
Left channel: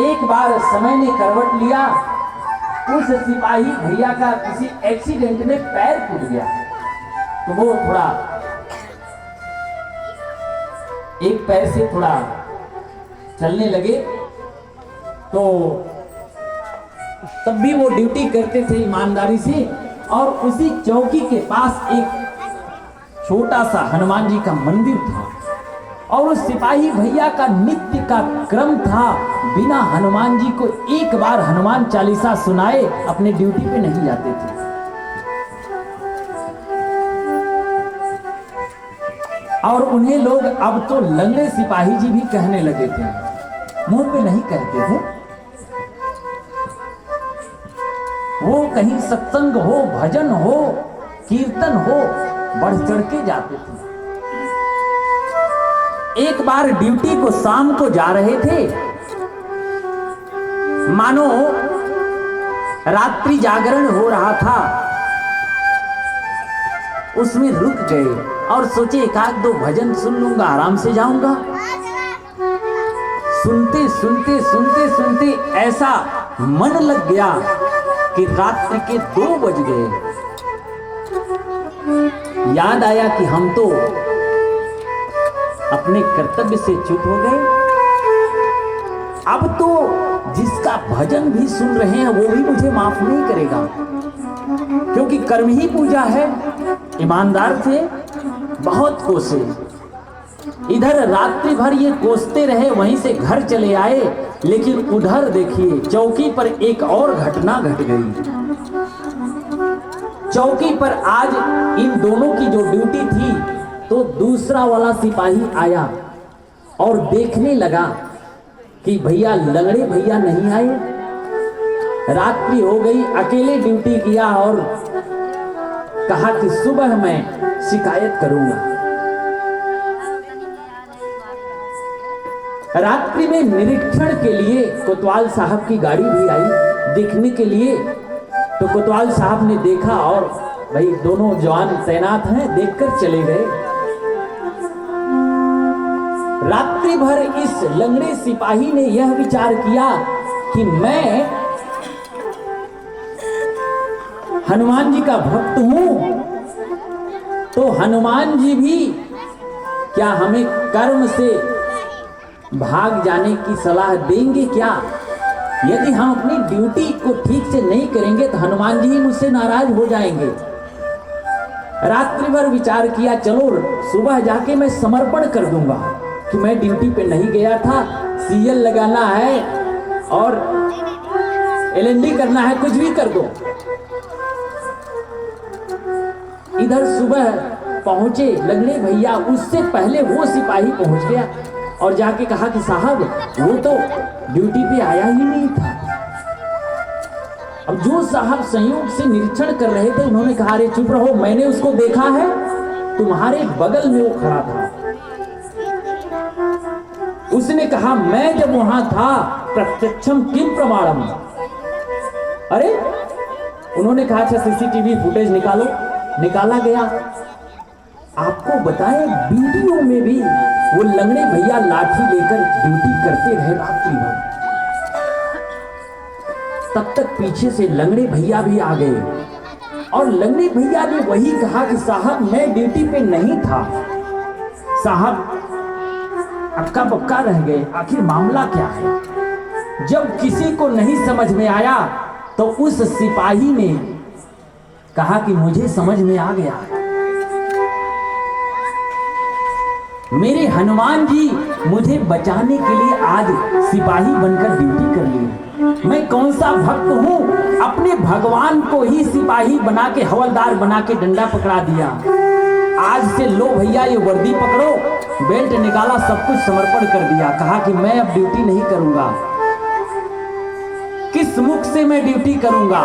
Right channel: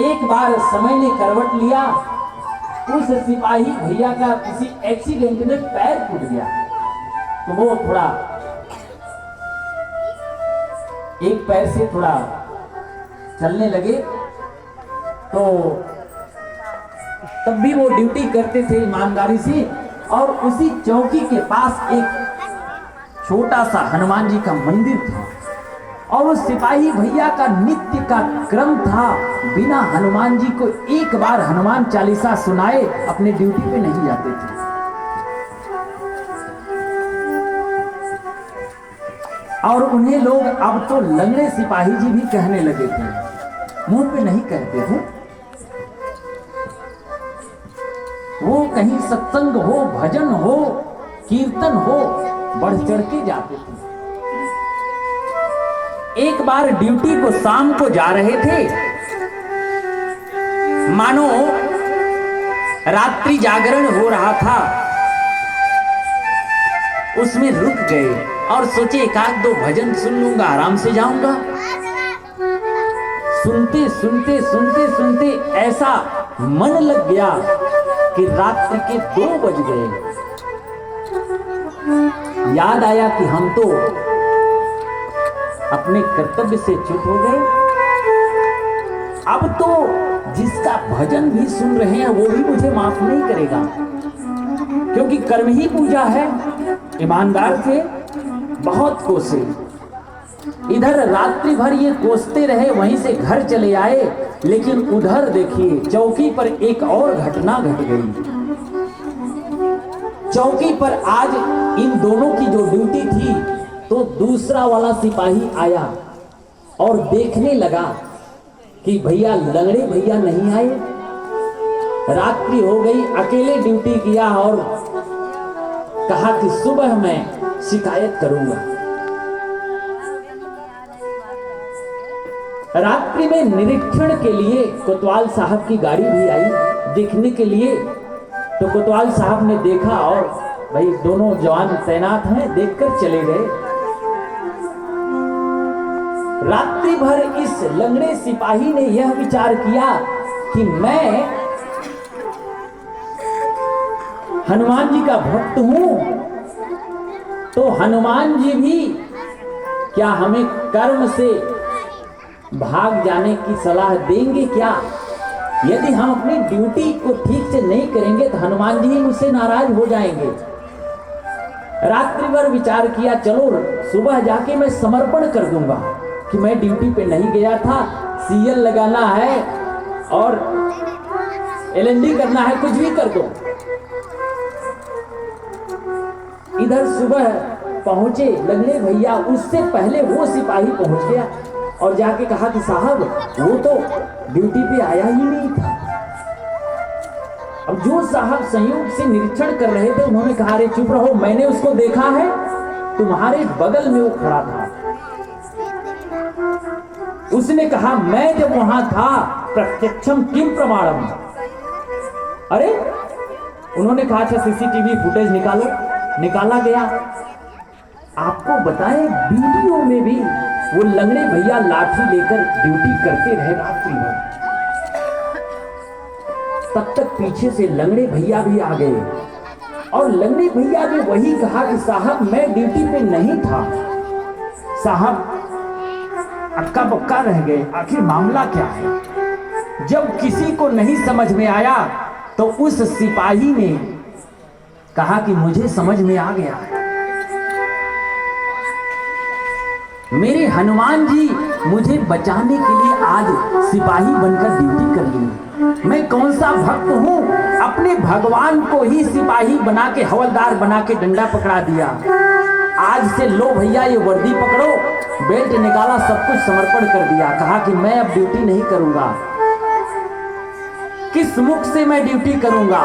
एक बार समय ने करवट लिया, उस सिपाही भैया का किसी एक्सीडेंट में पैर टूट गया, तो वो थोड़ा एक पैर से थोड़ा चलने लगे। तो तब भी वो ड्यूटी करते थे ईमानदारी से, और उसी चौकी के पास एक छोटा सा हनुमान जी का मंदिर था, और उस सिपाही भैया का नित्य का क्रम था बिना हनुमान जी को एक बार हनुमान चालीसा सुनाए अपने ड्यूटी पे नहीं जाते थे। और उन्हें लोग अब तो लंगड़े सिपाही जी भी कहने लगे थे, मुंह पे नहीं कहते थे। वो कहीं सत्संग हो, भजन हो, कीर्तन हो, बढ़ चढ़ के जाते थे। एक बार ड्यूटी को शाम को जा रहे थे, मानो रात्रि जागरण हो रहा था, उसमें रुक गए और सोचे एक आध दो भजन सुन लूंगा, आराम से जाऊंगा। सुनते सुनते सुनते सुनते ऐसा मन लग गया कि रात्रि के 2 बज गए। याद आया कि हम तो अपने कर्तव्य से चूक हो गए, अब तो जिसका भजन भी सुन रहे हैं वो भी मुझे माफ नहीं करेगा, क्योंकि कर्म ही पूजा है। ईमानदार थे, बहुत कोसे, इधर रात्रि भर ये कोसते रहे, वहीं से घर चले आए, लेकिन उधर देखिए चौकी पर एक और घटना घट गई। चौकी पर आज इन दोनों की जो ड्यूटी थी, तो दूसरा वाला सिपाही आया और देखने लगा कि भैया लंगड़े भैया नहीं आए, रात्रि हो गई, अकेले ड्यूटी किया और कहा कि सुबह मैं शिकायत करूंगा। रात्रि में निरीक्षण के लिए कोतवाल साहब की गाड़ी भी आई देखने के लिए, तो कोतवाल साहब ने देखा और भाई दोनों जवान तैनात हैं, देखकर चले गए। रात्रि भर इस लंगड़े सिपाही ने यह विचार किया कि मैं हनुमान जी का भक्त हूं, तो हनुमान जी भी क्या हमें कर्म से भाग जाने की सलाह देंगे क्या? यदि हम अपनी ड्यूटी को ठीक से नहीं करेंगे तो हनुमान जी ही मुझसे नाराज हो जाएंगे। रात्रि भर विचार किया, चलो सुबह जाके मैं समर्पण कर दूंगा कि मैं ड्यूटी पे नहीं गया था, सीएल लगाना है और एलएनडी करना है, कुछ भी कर दो। इधर सुबह पहुंचे लंगड़े भैया, उससे पहले वो सिपाही पहुंच गया और जाके कहा कि साहब वो तो ड्यूटी पे आया ही नहीं था। अब जो साहब संयोग से निरीक्षण कर रहे थे उन्होंने कहा, अरे चुप रहो, मैंने उसको देखा है, तुम्हारे बगल में वो खड़ा था। उसने कहा, मैं जब वहां था प्रत्यक्षम किम प्रमाणम। अरे उन्होंने कहा, अच्छा सीसीटीवी फुटेज निकालो। निकाला गया। आपको बताएं वीडियो में भी वो लंगड़े भैया लाठी लेकर ड्यूटी करते रहे रात्रि भर। तब तक पीछे से लंगड़े भैया भी आ गए और लंगड़े भैया ने वही कहा कि साहब मैं ड्यूटी पे नहीं था। साहब अक्का बक्का रह गए, आखिर मामला क्या है? जब किसी को नहीं समझ में आया तो उस सिपाही ने कहा कि मुझे समझ में आ गया, मेरे हनुमान जी मुझे बचाने के लिए आज सिपाही बनकर ड्यूटी कर ली। मैं कौन सा भक्त हूं, अपने भगवान को ही सिपाही बना के, हवलदार बना के डंडा पकड़ा दिया। आज से लो भैया ये वर्दी पकड़ो, बेल्ट निकाला, सब कुछ समर्पण कर दिया। कहा कि मैं अब ड्यूटी नहीं करूंगा। किस मुख से मैं ड्यूटी करूंगा?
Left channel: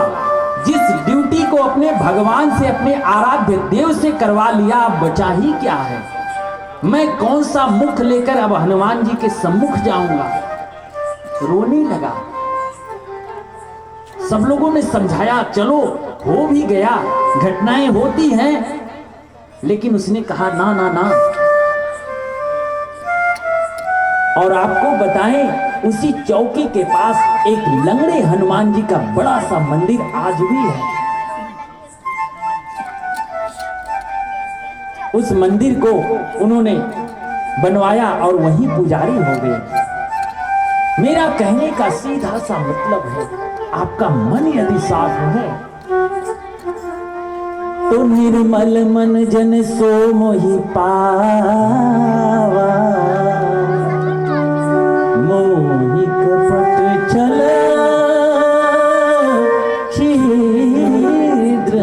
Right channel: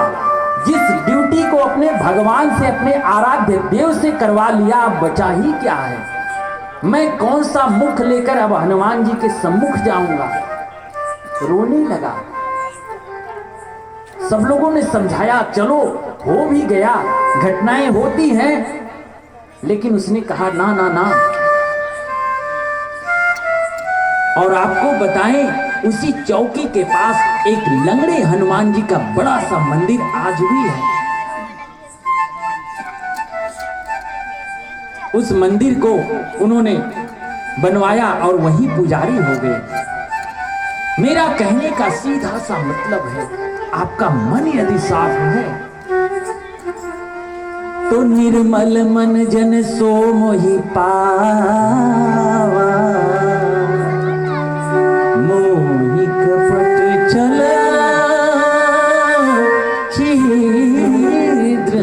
जिस ड्यूटी को अपने भगवान से, अपने आराध्य देव से करवा लिया, अब बचा ही क्या है? मैं कौन सा मुख लेकर अब हनुमान जी के सम्मुख जाऊंगा? रोने लगा। सब लोगों ने समझाया, चलो हो भी गया, घटनाएं होती हैं, लेकिन उसने कहा ना ना ना। और आपको बताएं उसी चौकी के पास एक लंगड़े हनुमान जी का बड़ा सा मंदिर आज भी है। उस मंदिर को उन्होंने बनवाया और वहीं पुजारी हो गए। मेरा कहने का सीधा सा मतलब है, आपका मन यदि साफ है तो निर्मल मन जन सो मोहि पावा, मोहि कपट छल छिद्र।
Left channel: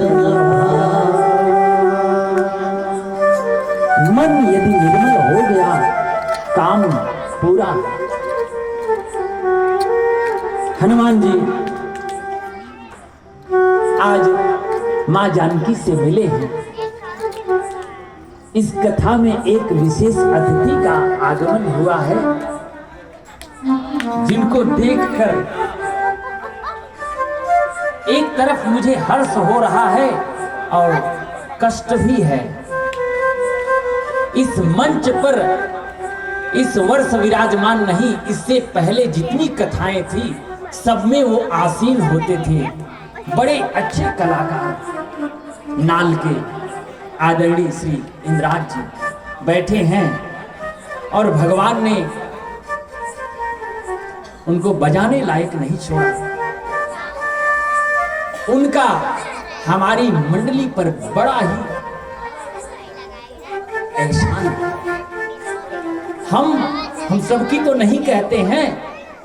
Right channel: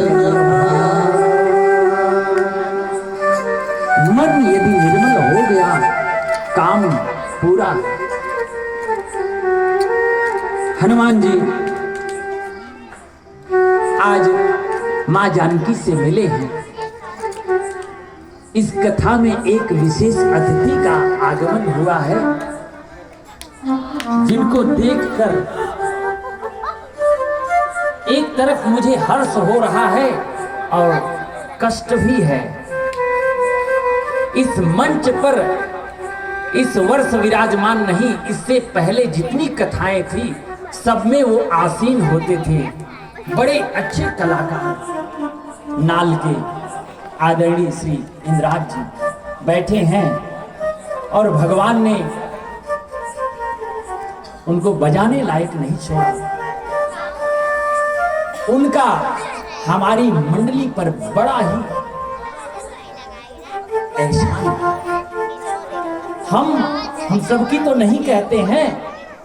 मन यदि निर्मल हो गया, काम पूरा। हनुमान जी आज मां जानकी से मिले हैं। इस कथा में एक विशेष अतिथि का आगमन हुआ है, जिनको देखकर एक तरफ मुझे हर्ष हो रहा है और कष्ट भी है। इस मंच पर इस वर्ष विराजमान नहीं, इससे पहले जितनी कथाएं थी सब में वो आसीन होते थे। बड़े अच्छे कलाकार नाल के आदरणीय श्री इंद्राज जी बैठे हैं और भगवान ने उनको बजाने लायक नहीं छोड़ा। उनका हमारी मंडली पर बड़ा ही एहसान है। हम सबकी तो नहीं कहते हैं,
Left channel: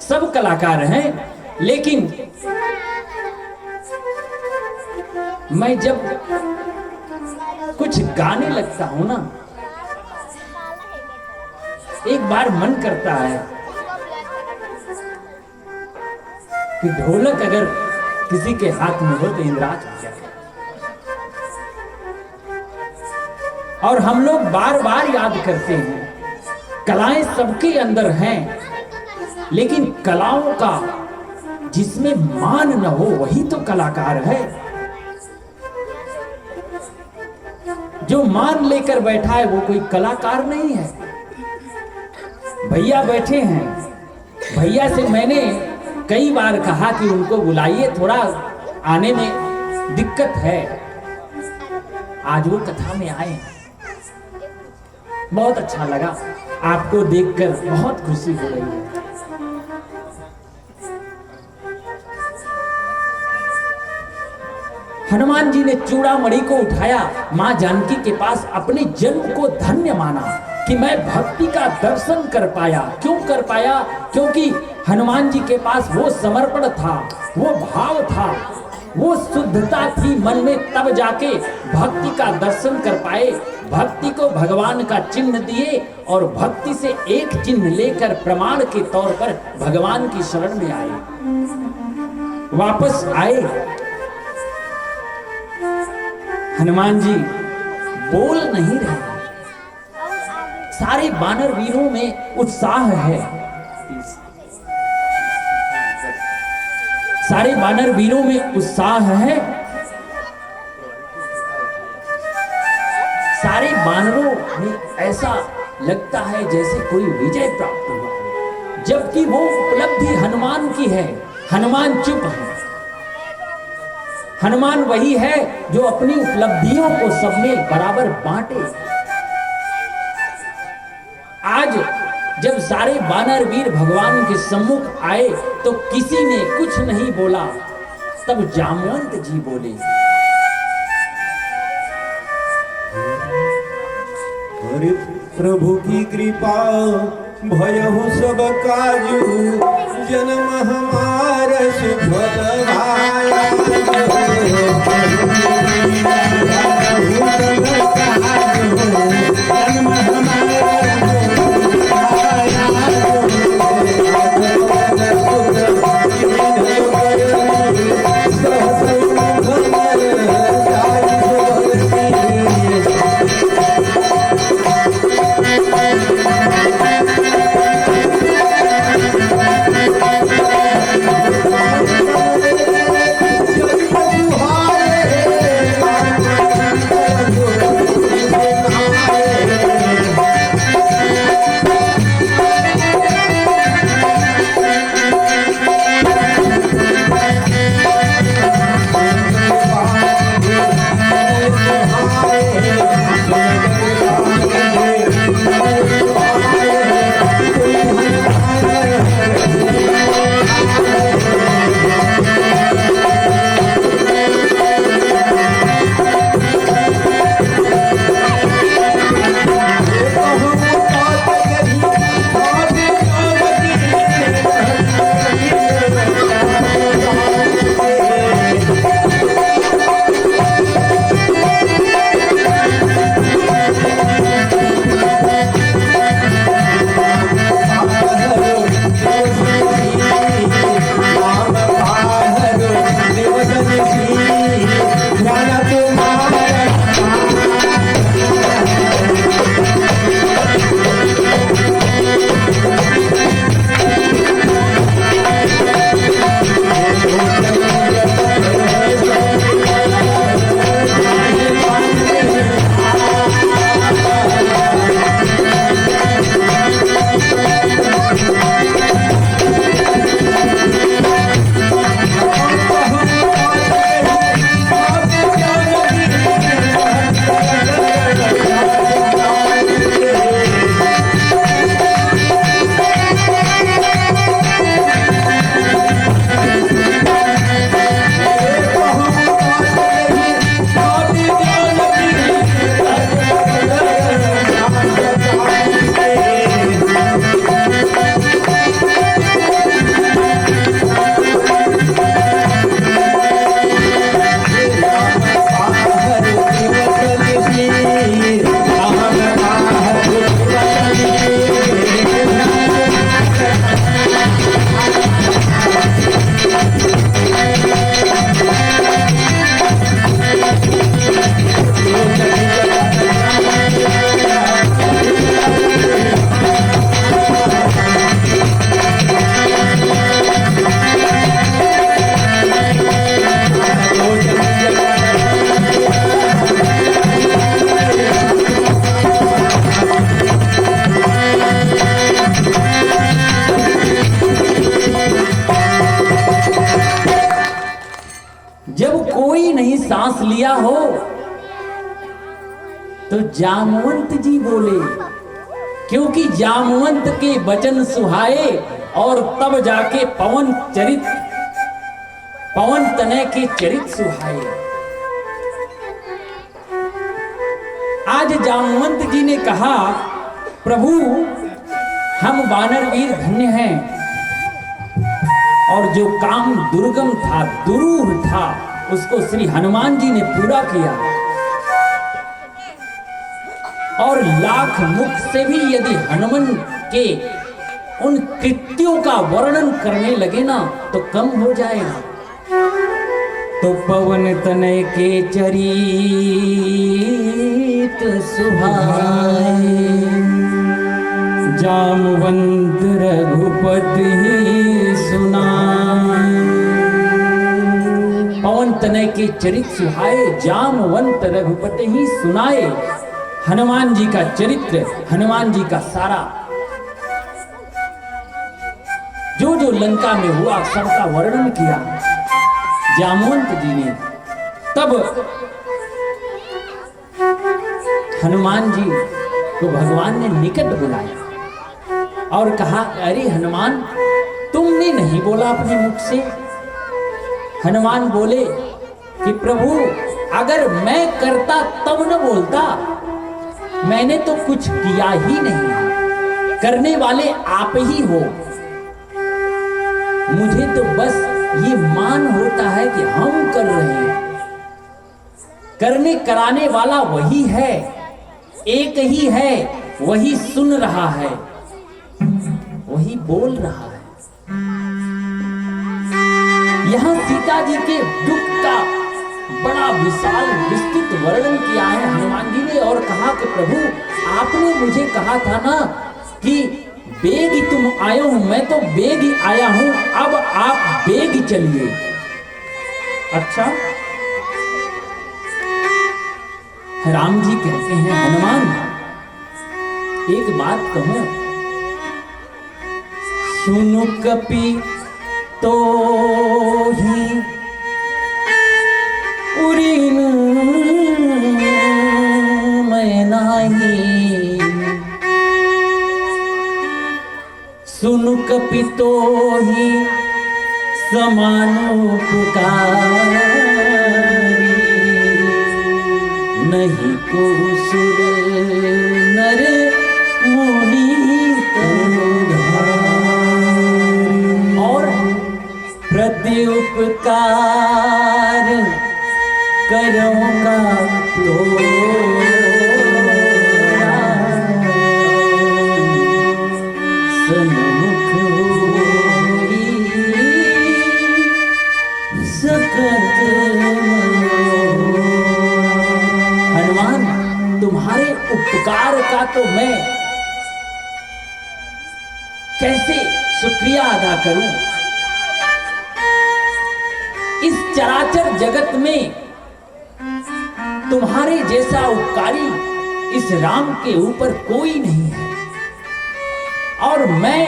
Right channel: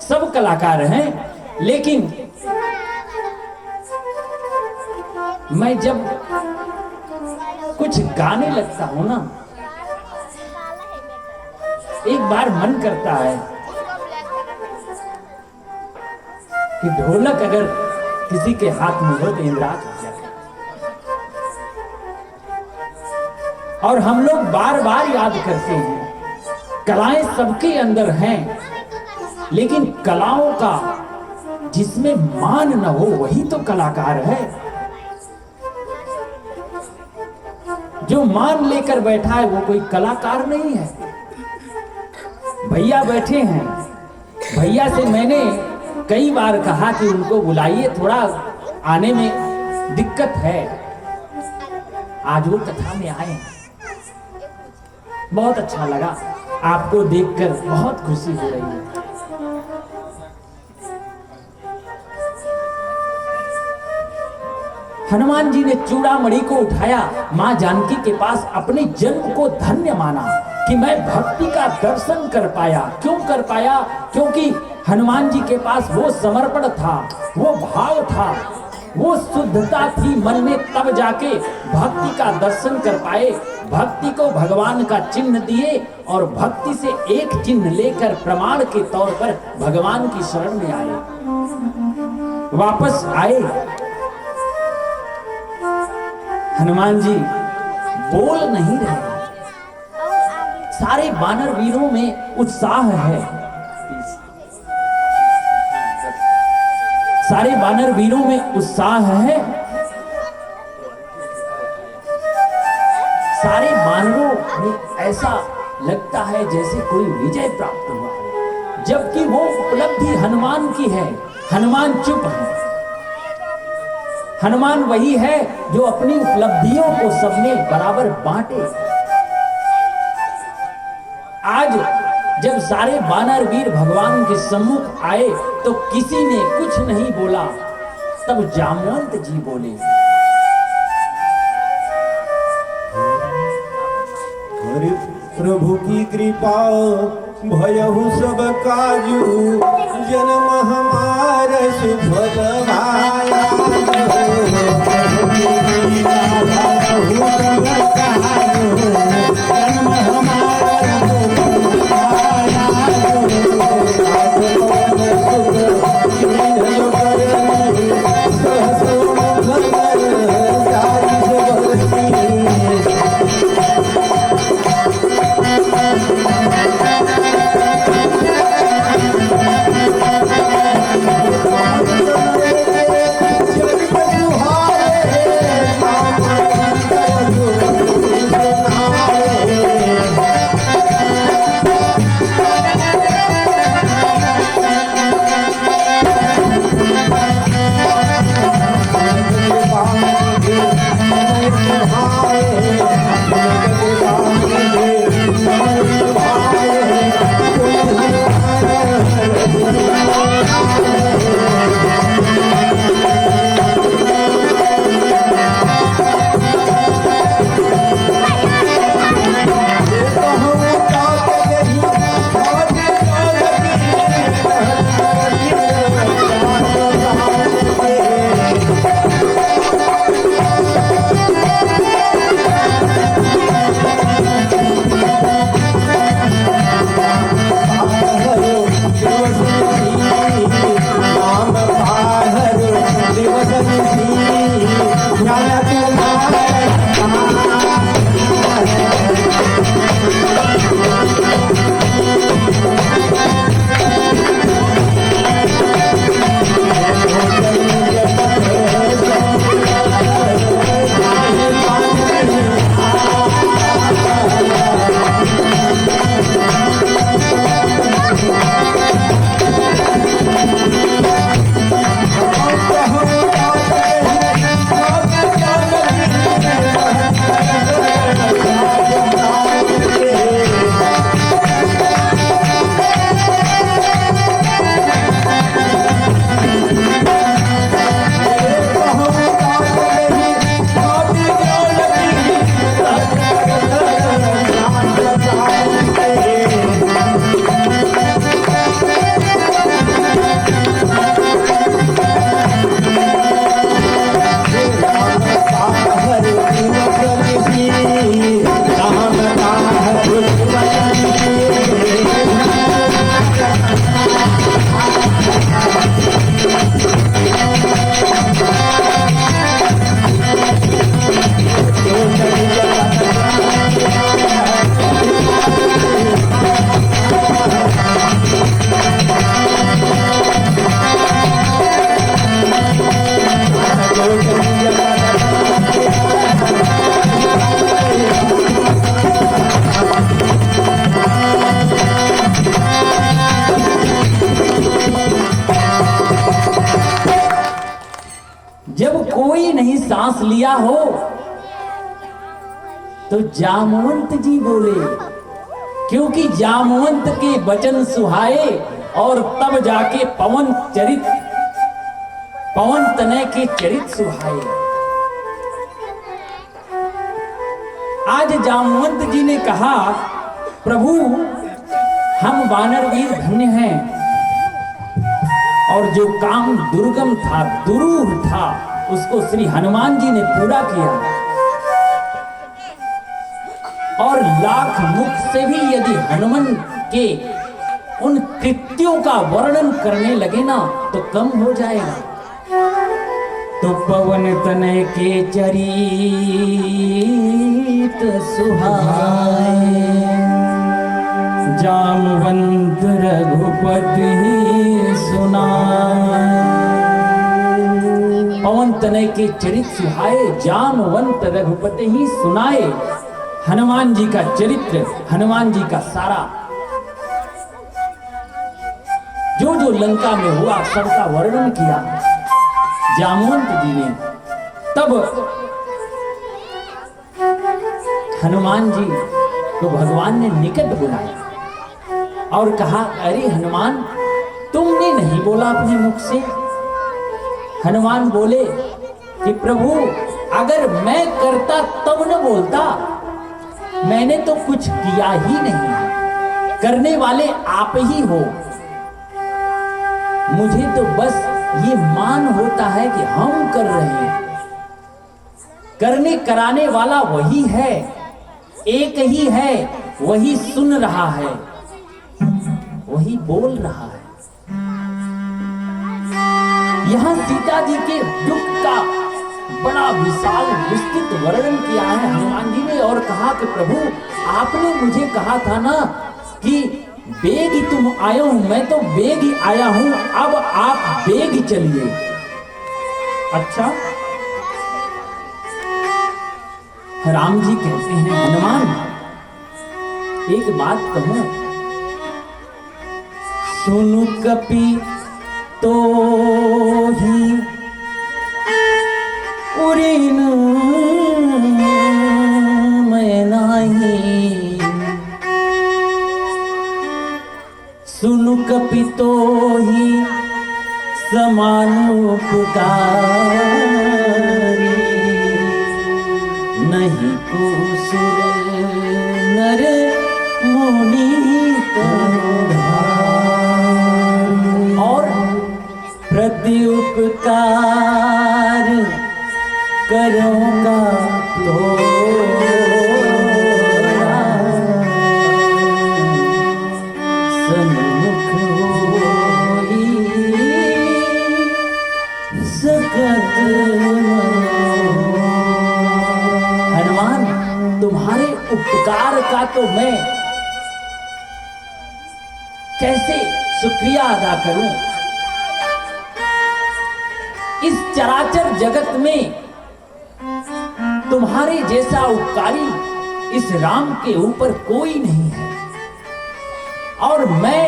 सब कलाकार हैं, लेकिन मैं जब कुछ गाने लगता हूं ना, एक बार मन करता है कि ढोलक अगर किसी के हाथ में हो तो इंद्राज हो जाए। और हम लोग बार बार याद करते हैं, कलाएं सबके अंदर हैं, लेकिन कलाओं का जिसमें मान न हो वही तो कलाकार है। जो मान लेकर बैठा है वो कोई कलाकार नहीं है। भैया बैठे हैं, भैया से मैंने कई बार कहा कि उनको बुलाइए, थोड़ा आने में दिक्कत है। आज वो कथा में आए हैं, बहुत अच्छा लगा, आपको देखकर बहुत खुशी हो रही है। हनुमान जी ने चूड़ामणि को उठाया, मां जानकी के पास अपने जन्म को धन्य माना कि मैं भक्ति का दर्शन कर पाया। क्यों कर पाया? क्योंकि हनुमान जी के पास वो समर्पण था, वो भाव था, वो शुद्धता थी मन में, तब जाके भक्ति का दर्शन कर पाए। भक्ति को भगवान का चिन्ह दिए और भक्ति से एक चिन्ह लेकर प्रमाण के तौर पर भगवान की शरण में आए, वापस आए। हनुमान जी बोल नहीं रहे, सारे वानर वीरों में उत्साह है, सारे वानर वीरों में उत्साह है। सारे वानरों में ऐसा लगता है जैसे कोई विजय प्राप्त हुआ है, जबकि वो उपलब्धि हनुमान की है। हनुमान चुप है। हनुमान वही है जो अपनी उपलब्धियों को सब में बराबर बांटे। आज जब सारे वानर वीर भगवान के सम्मुख आए तो किसी ने कुछ नहीं बोला, तब जामवंत जी बोले, अरे प्रभु की कृपा भयहु सब काजू, जन्म हमारा सुख भाया। नहीं सांस लिया हो। तो जामवंत जी बोले, क्योंकि जामवंत के वचन सुहाए और तब जाके पवन तनय के चरित सुहाए। आज जामवंत जी ने कहा, प्रभु हम वानर वीर धन्य हैं, और जो काम दुर्गम था, दुरूह था, उसको श्री हनुमान जी ने पूरा किया। और लाख मुख से भी यदि हनुमान के उन कृत्यों का वर्णन करने लगे ना तो कम हो जाएगा। तो पवन तनय के चरित सुहाए, जामवंत रघुपति सुनाए। पवन तनय के चरित सुहाए, जामवंत रघुपति ही सुनाए। हनुमान जी का चरित्र, हनुमान जी का सारा जो जो लंका में हुआ सबका वर्णन किया जामवंत जी ने। तब हनुमान जी को भगवान ने निकट बुलाया और कहा, अरे हनुमान, तुमने नहीं बोला अपने मुख से। हनुमान बोले कि प्रभु अगर मैं करता तब न बोलता, मैंने तो कुछ किया ही नहीं, करने वाले आप ही हो। मुझे तो बस ये मान होता है कि हम कर रहे हैं, करने कराने वाला वही है, एक ही है, वही सुन रहा है, वही बोल रहा है। यहां सीता जी के दुख का बड़ा विशाल विस्तृत वर्णन किया है हनुमान जी ने, और कहा कि प्रभु आपने मुझे कहा था ना कि बेग तुम आए हो, मैं तो बेग ही आया हूं, अब आप बेग चलिए। अच्छा, राम जी कहते हैं, हनुमान एक बात कहूं, सुनु कपि तो ही उड़ीन मैं नहीं, सुनु कपि तो ही समानु पुकारी, नहीं को सुर नर मुनि तनुधारी। और प्रति उपकार करूँगा तो सन्मुख होई सकत मनोरथ। हनुमान, तुम्हारे उपकार का तो मैं कैसे शुक्रिया अदा करूं। इस चराचर जगत में तुम्हारे जैसा उपकारी इस राम के ऊपर कोई नहीं है, और मैं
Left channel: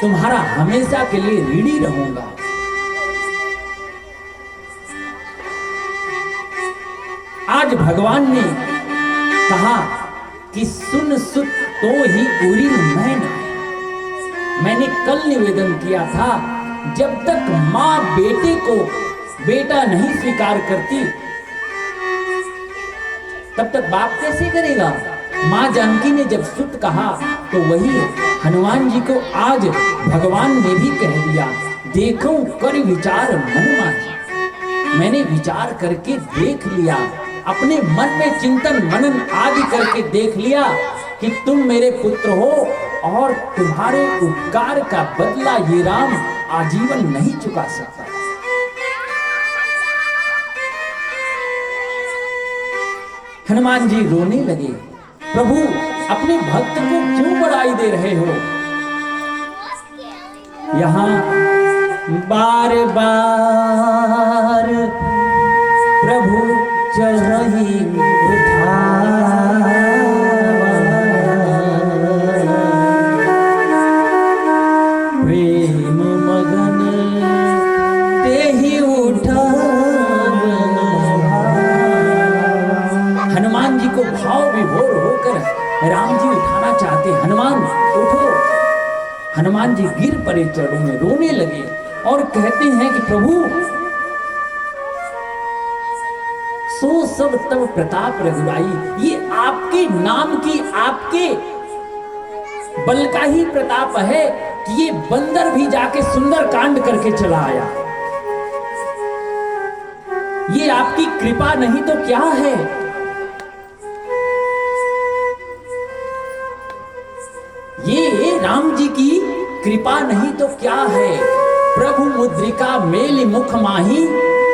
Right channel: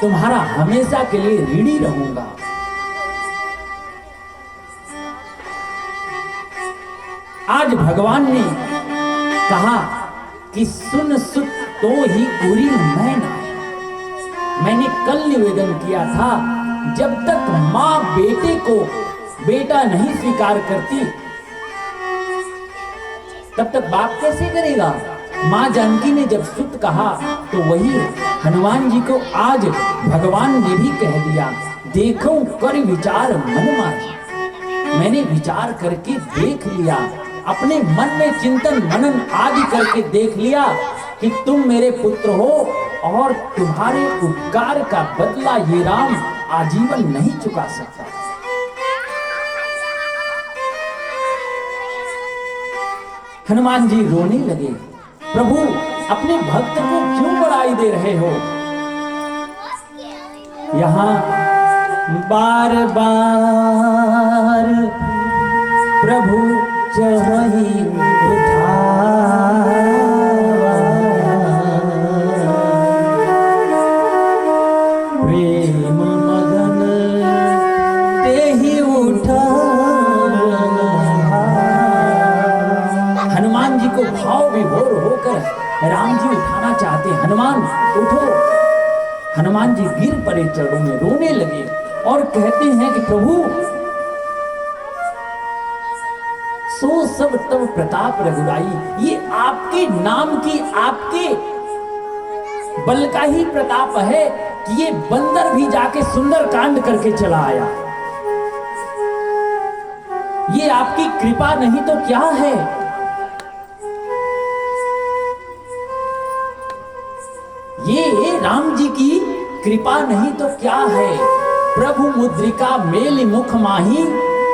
तुम्हारा हमेशा के लिए ऋणी रहूंगा। आज भगवान ने कहा कि सुन सुत तो ही उरी मैं ना। मैंने कल निवेदन किया था, जब तक मां बेटे को बेटा नहीं स्वीकार करती तब तक बाप कैसे करेगा। मां जानकी ने जब सुत कहा तो वही हनुमान जी को आज भगवान ने भी कह दिया, देखो कर विचार मन माही। मैंने विचार करके देख लिया, अपने मन में चिंतन मनन आदि करके देख लिया कि तुम मेरे पुत्र हो, और तुम्हारे उपकार का बदला ये राम आजीवन नहीं चुका सकता। हनुमान जी रोने लगे, प्रभु अपने भक्त को क्यों बड़ाई दे रहे हो। यहां बार बार प्रभु चढ़ी उठावा, प्रेम मगन तेहि उठावा। राम जी उठाना चाहते, हनुमान उठो। हनुमान जी गिर पड़े चरणों में, रोने लगे और कहते हैं कि प्रभु, सो सब तब प्रताप रघुराई, ये आपके नाम की, आपके बल का ही प्रताप है कि ये बंदर भी जाके सुंदर कांड करके चला आया। ये आपकी कृपा नहीं तो क्या है। ये राम जी की कृपा नहीं तो क्या है। प्रभु मुद्रिका मेल मुख माही,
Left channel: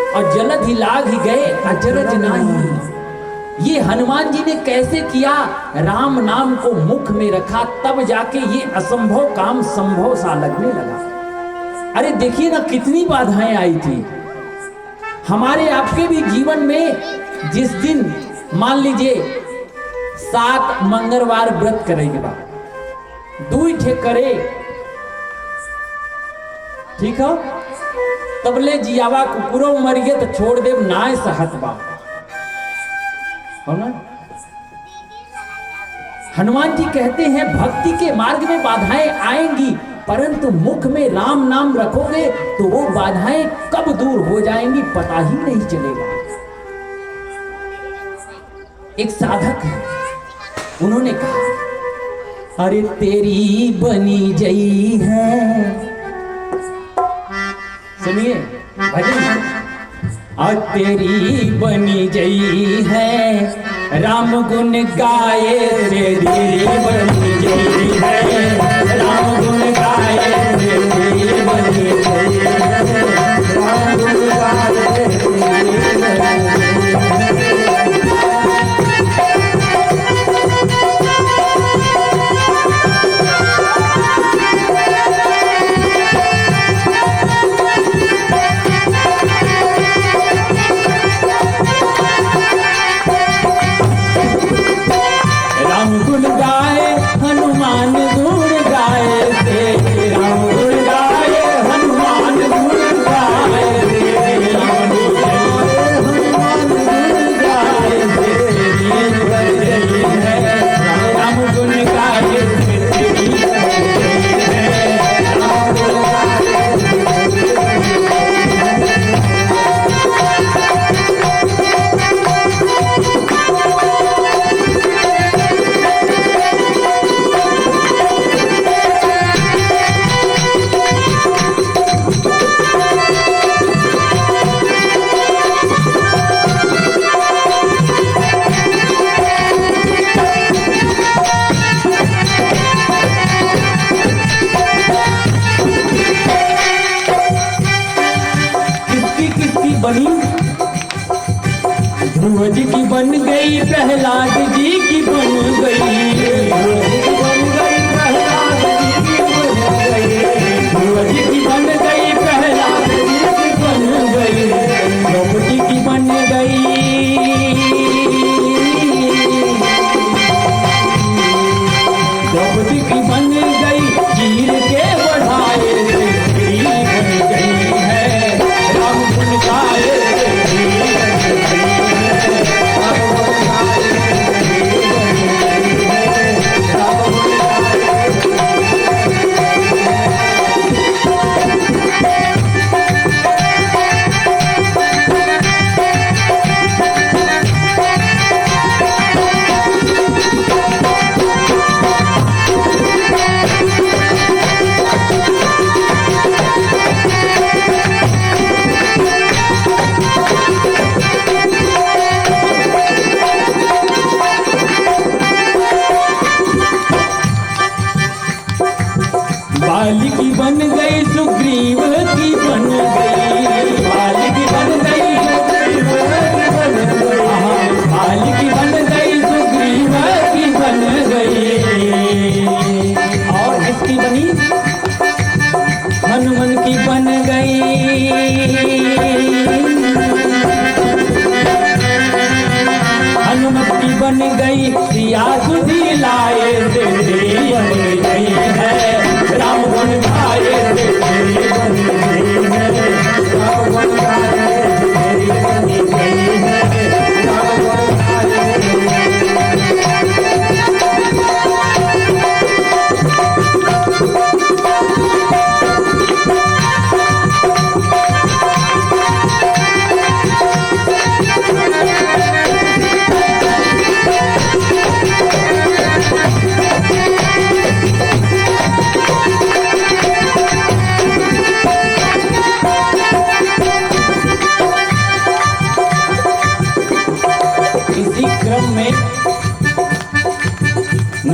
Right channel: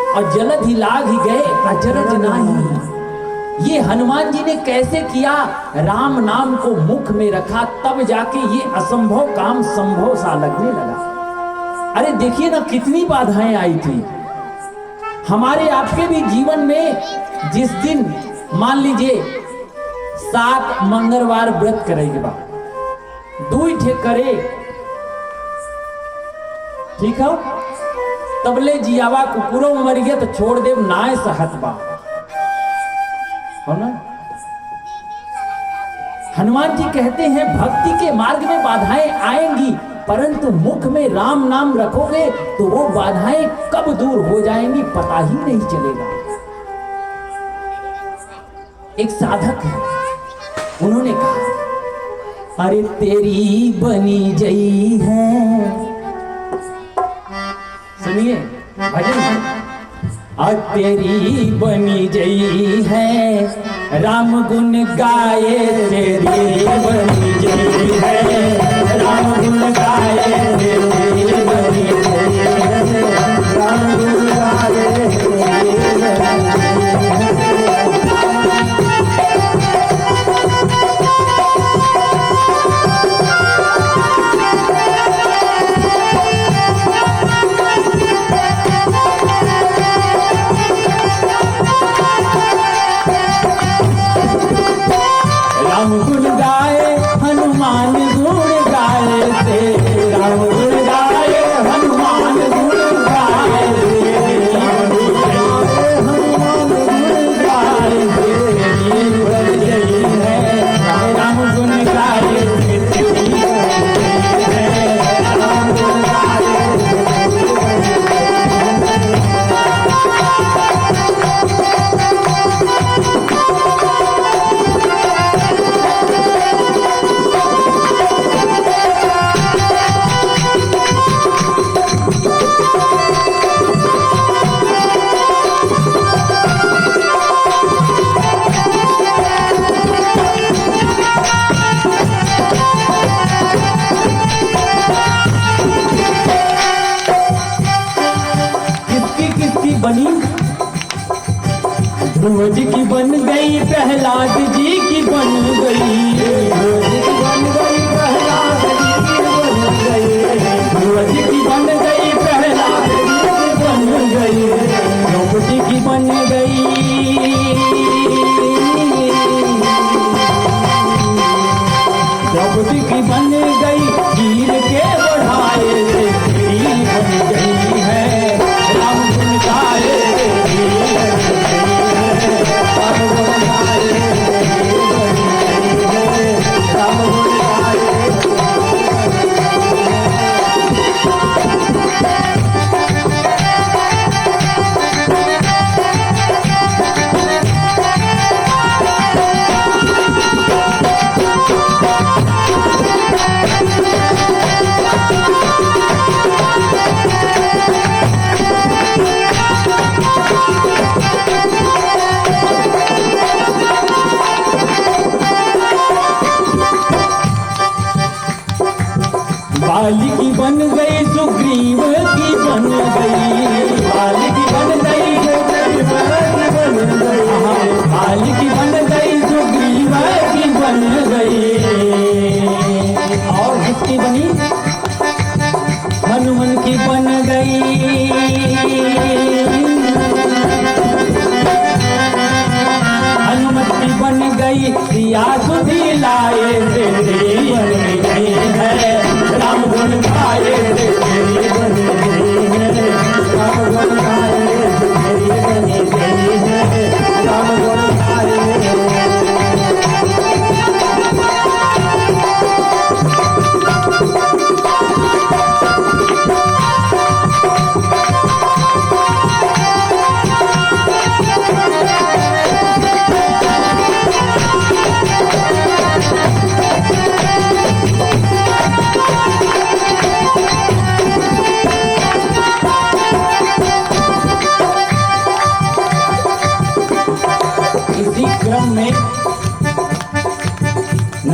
और जलद ही लाग ही गए अचरज नाही। ये हनुमान जी ने कैसे किया, राम नाम को मुख में रखा, तब जाके ये असंभव काम संभव सा लगने लगा। अरे देखिए ना कितनी बाधाएं आई थी हमारे आपके भी जीवन में। जिस दिन मान लीजिए 7 मंगलवार व्रत करेगा, 2 ठे करे, ठीक है, तबले जियावा कुकुरो मर गया तो छोड़ दे नाय सहत बा, हो ना। हनुमान जी कहते हैं भक्ति के मार्ग में बाधाएं आएंगी, परंतु मुख में राम नाम रखोगे तो वो बाधाएं कब दूर हो जाएंगी पता ही नहीं चलेगा। एक साधक है, उन्होंने कहा, अरे तेरी बनी जई है, सुनिए भजन, और तेरी बनी जई है, राम गुण गाए तेरी बनी जई है, राम गुण गाए तेरी बनी जई है, राम गुण गाए तेरी गुण गाए हनुमान गुण गाए तेरे, राम गुण गाए हनुमान गुण गाए तेरे, राम गुण गाए हनुमान गुण गाए तेरी बन गई है, राम गुण गाए तेरी बन गई है, राम गुण गाए। ध्रुव जी की बन गई, प्रहलाद जी की बन गई, ध्रुव जी की बन गई, प्रहलाद जी की बन गई, ध्रुव जी की बन गई, प्रहलाद जी की बन गई, द्रौपदी की बन गई, द्रौपदी की बन गई, वीर के बढ़ाए तेरी बन गई है, राम गुण गाए तेरी बन गई है, राम गुण गाए तेरी बन गई है।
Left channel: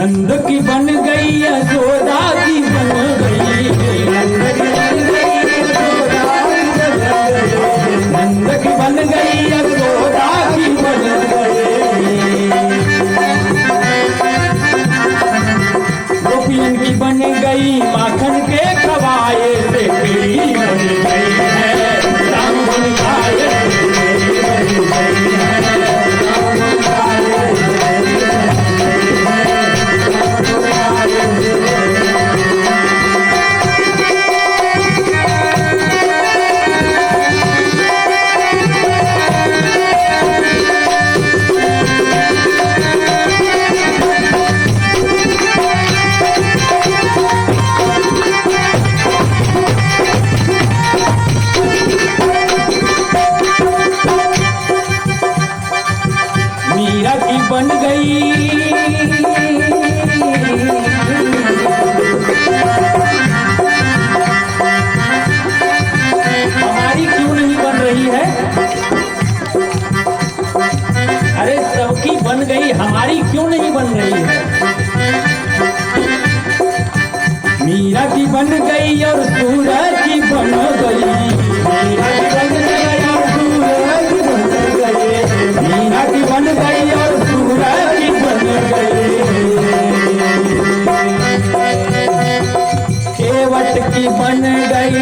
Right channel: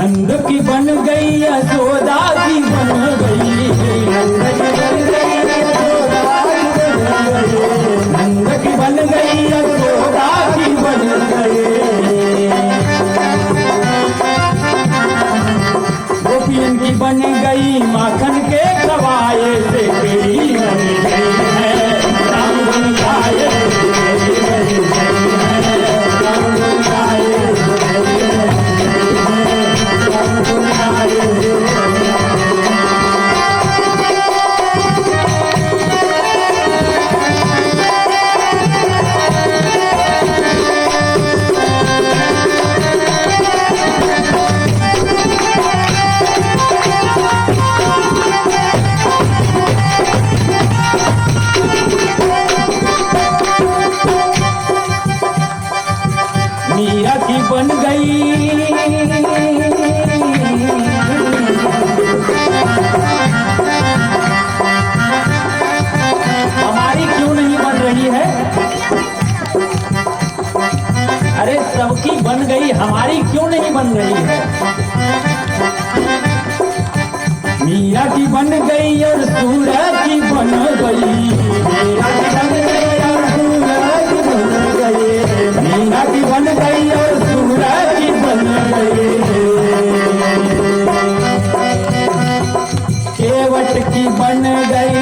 नंद की बन गई यशोदा की बन गई, नंद की बन गई यशोदा की बन गई, नंद की बन गई यशोदा की बन गई। गोपियन की बन गई माखन के खवाए से तेरी बन गई है, राम बन गाए तेरी बन गई है, राम बन गाए मीरा की बन गई, हमारी क्यों नहीं बन रही है? अरे सबकी बन गई, हमारी क्यों नहीं बन रही है? मीरा की बन गई और सूरज की बन गई, मीरा की बन गई और सूरज की बन गई, मीरा की बन गई और सूरज की बन गई। केवट की बन गई,